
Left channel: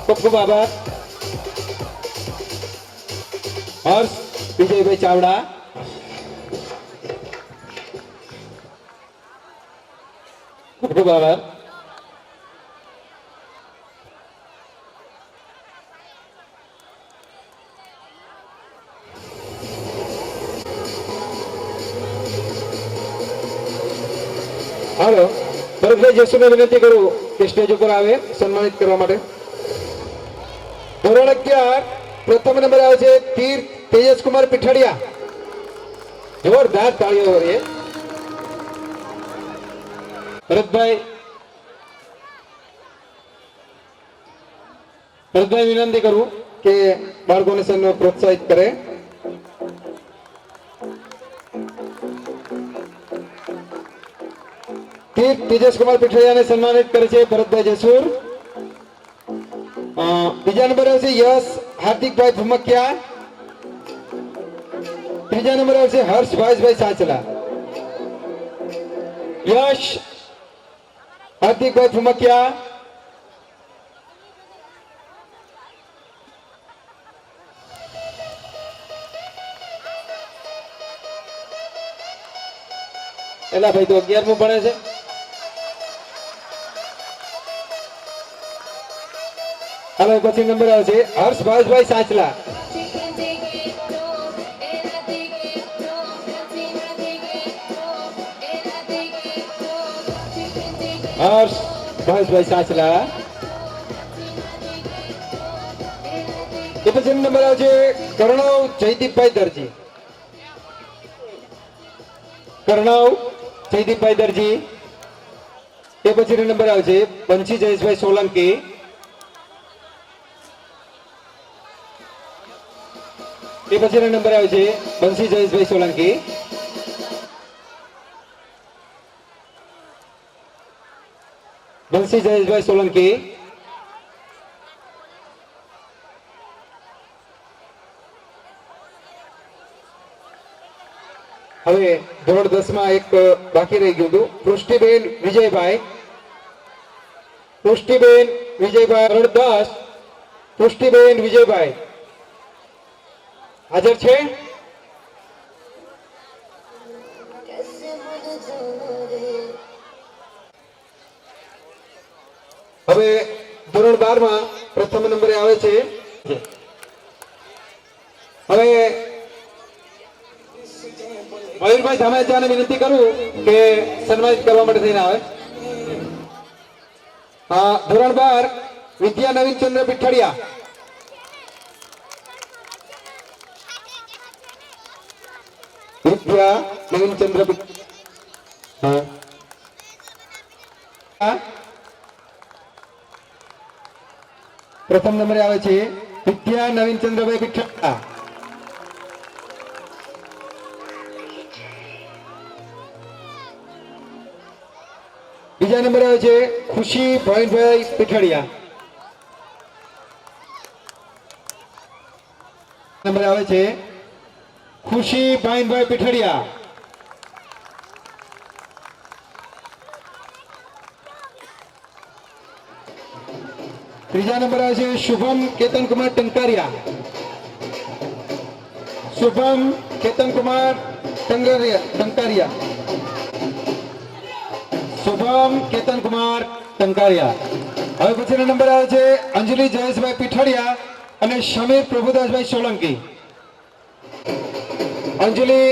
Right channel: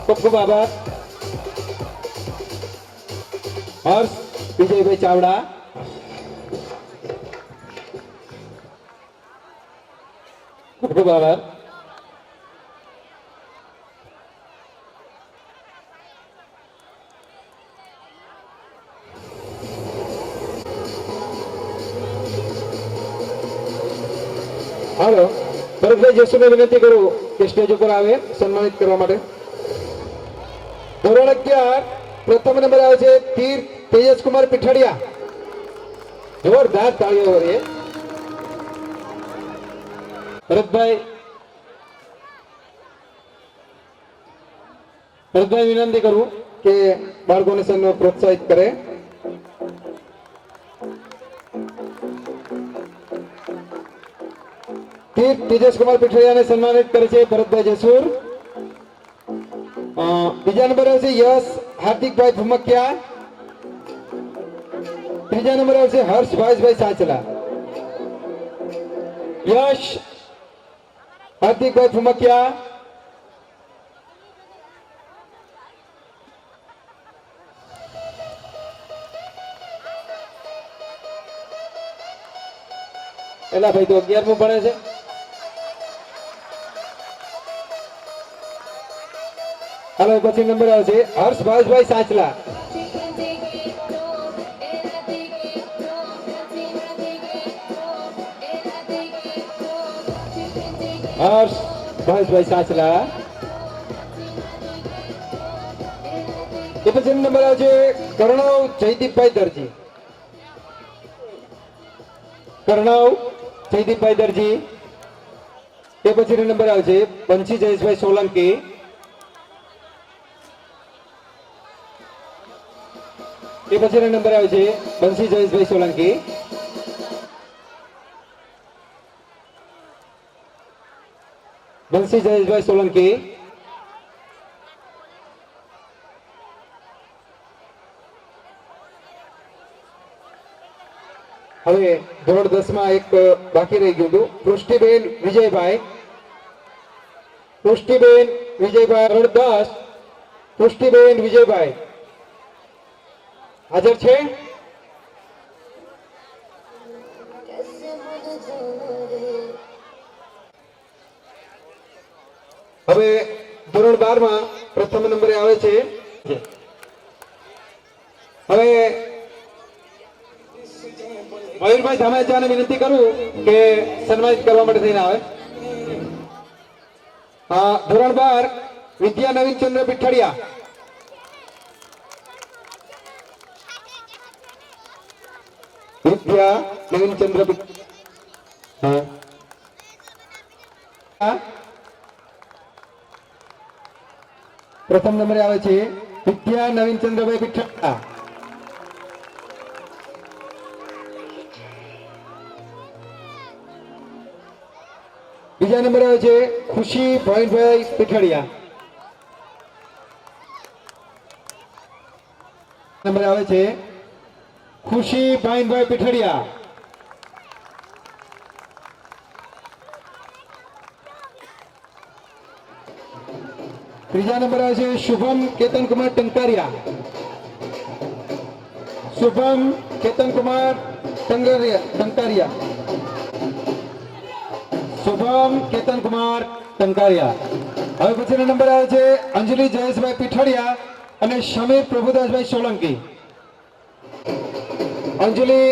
ખૂબ ખૂબ આભાર. હર્ષ વિજયભાઈ ચાવડા. ખૂબ ખૂબ આભાર. હાલો, ભરતભાઈ જસુને વિનંતી કરું કે સ્ટેજ ઉપર આવે સન્માનિત કરવા માટે. ધોરણ 11 પ્રથમ નંબર આવે છે તીર તેજસકુમાર પીઠડિયા. જોરદાર તાળીઓ રે. ભરતભાઈ વિનંતી કરું કે બાળકોને પ્રોત્સાહિત કરે. તેજસકુમાર પીઠડિયાને સન્માનિત કરે છે ભરતભાઈ જસુર. બીજા નંબર આવશે યશ હાર્દિકભાઈ ભમકિયા. ત્રીજા નંબર આવશે હર્ષ ભાઈભાઈ સાચલા. યશ હાર્દિકભાઈ ભમકિયા. એલા ભાઈ તો 11મું ભણે છે. હવે પછી નંબર આવે છે હર્ષ ભાઈભાઈ સાચલા. હર્ષ ભાઈભાઈ સાચલા. એ પછી નંબર આવે છે કર્ણવ જયદીપભાઈ દરજી. કર્ણવ જયદીપભાઈ દરજી. એ પછી નંબર આવે છે બંસી જયેશભાઈ સોલંકી. એ પછી નંબર આવે છે બંસી જયેશભાઈ સોલંકી. બંસી જયેશભાઈ સોલંકી. હવે ધોરણ 10 માં એક બાકી રહી ગયું હતું. પૃષ્ટિબેન વિજયભાઈ. પૃષ્ટિબેન વિજયભાઈ ધોરણ 10. પૃષ્ટિબેન વિજયભાઈ હાજર છે? હવે ધોરણ 12 માં પ્રથમ નંબરે આવે છે. હવે મયુરભાઈ ધામેચાને વિનંતી કરું કે સન્માનિત કરવા માટે થઈને આવે. ધોરણ 12 વિદ્યા નવીનચંદ્ર પીઠડિયા. વિદ્યા નવીનચંદ્ર પ્રથમ નંબરે આવે છે વિદ્યા નવીનચંદ્રભાઈ પીઠડિયા. બીજા નંબરે આવે છે ખુશી ભાઈભાઈ પીઠડિયા. નંબર આવે છે ખુશી ભાઈભાઈ પીઠડિયા. ત્રીજા નંબર આવે છે શુભમ કેતનકુમાર ટંકારિયા. શુભમ કેતનકુમાર ટંકારિયા. શુભમ કેતનકુમાર ટંકારિયા. હવે પછીનો નંબર આવે છે અંજલિ જયેશભાઈ પીઠડિયા અને સમીર પ્રભુદાસભાઈ સોલંકી. અંજલિ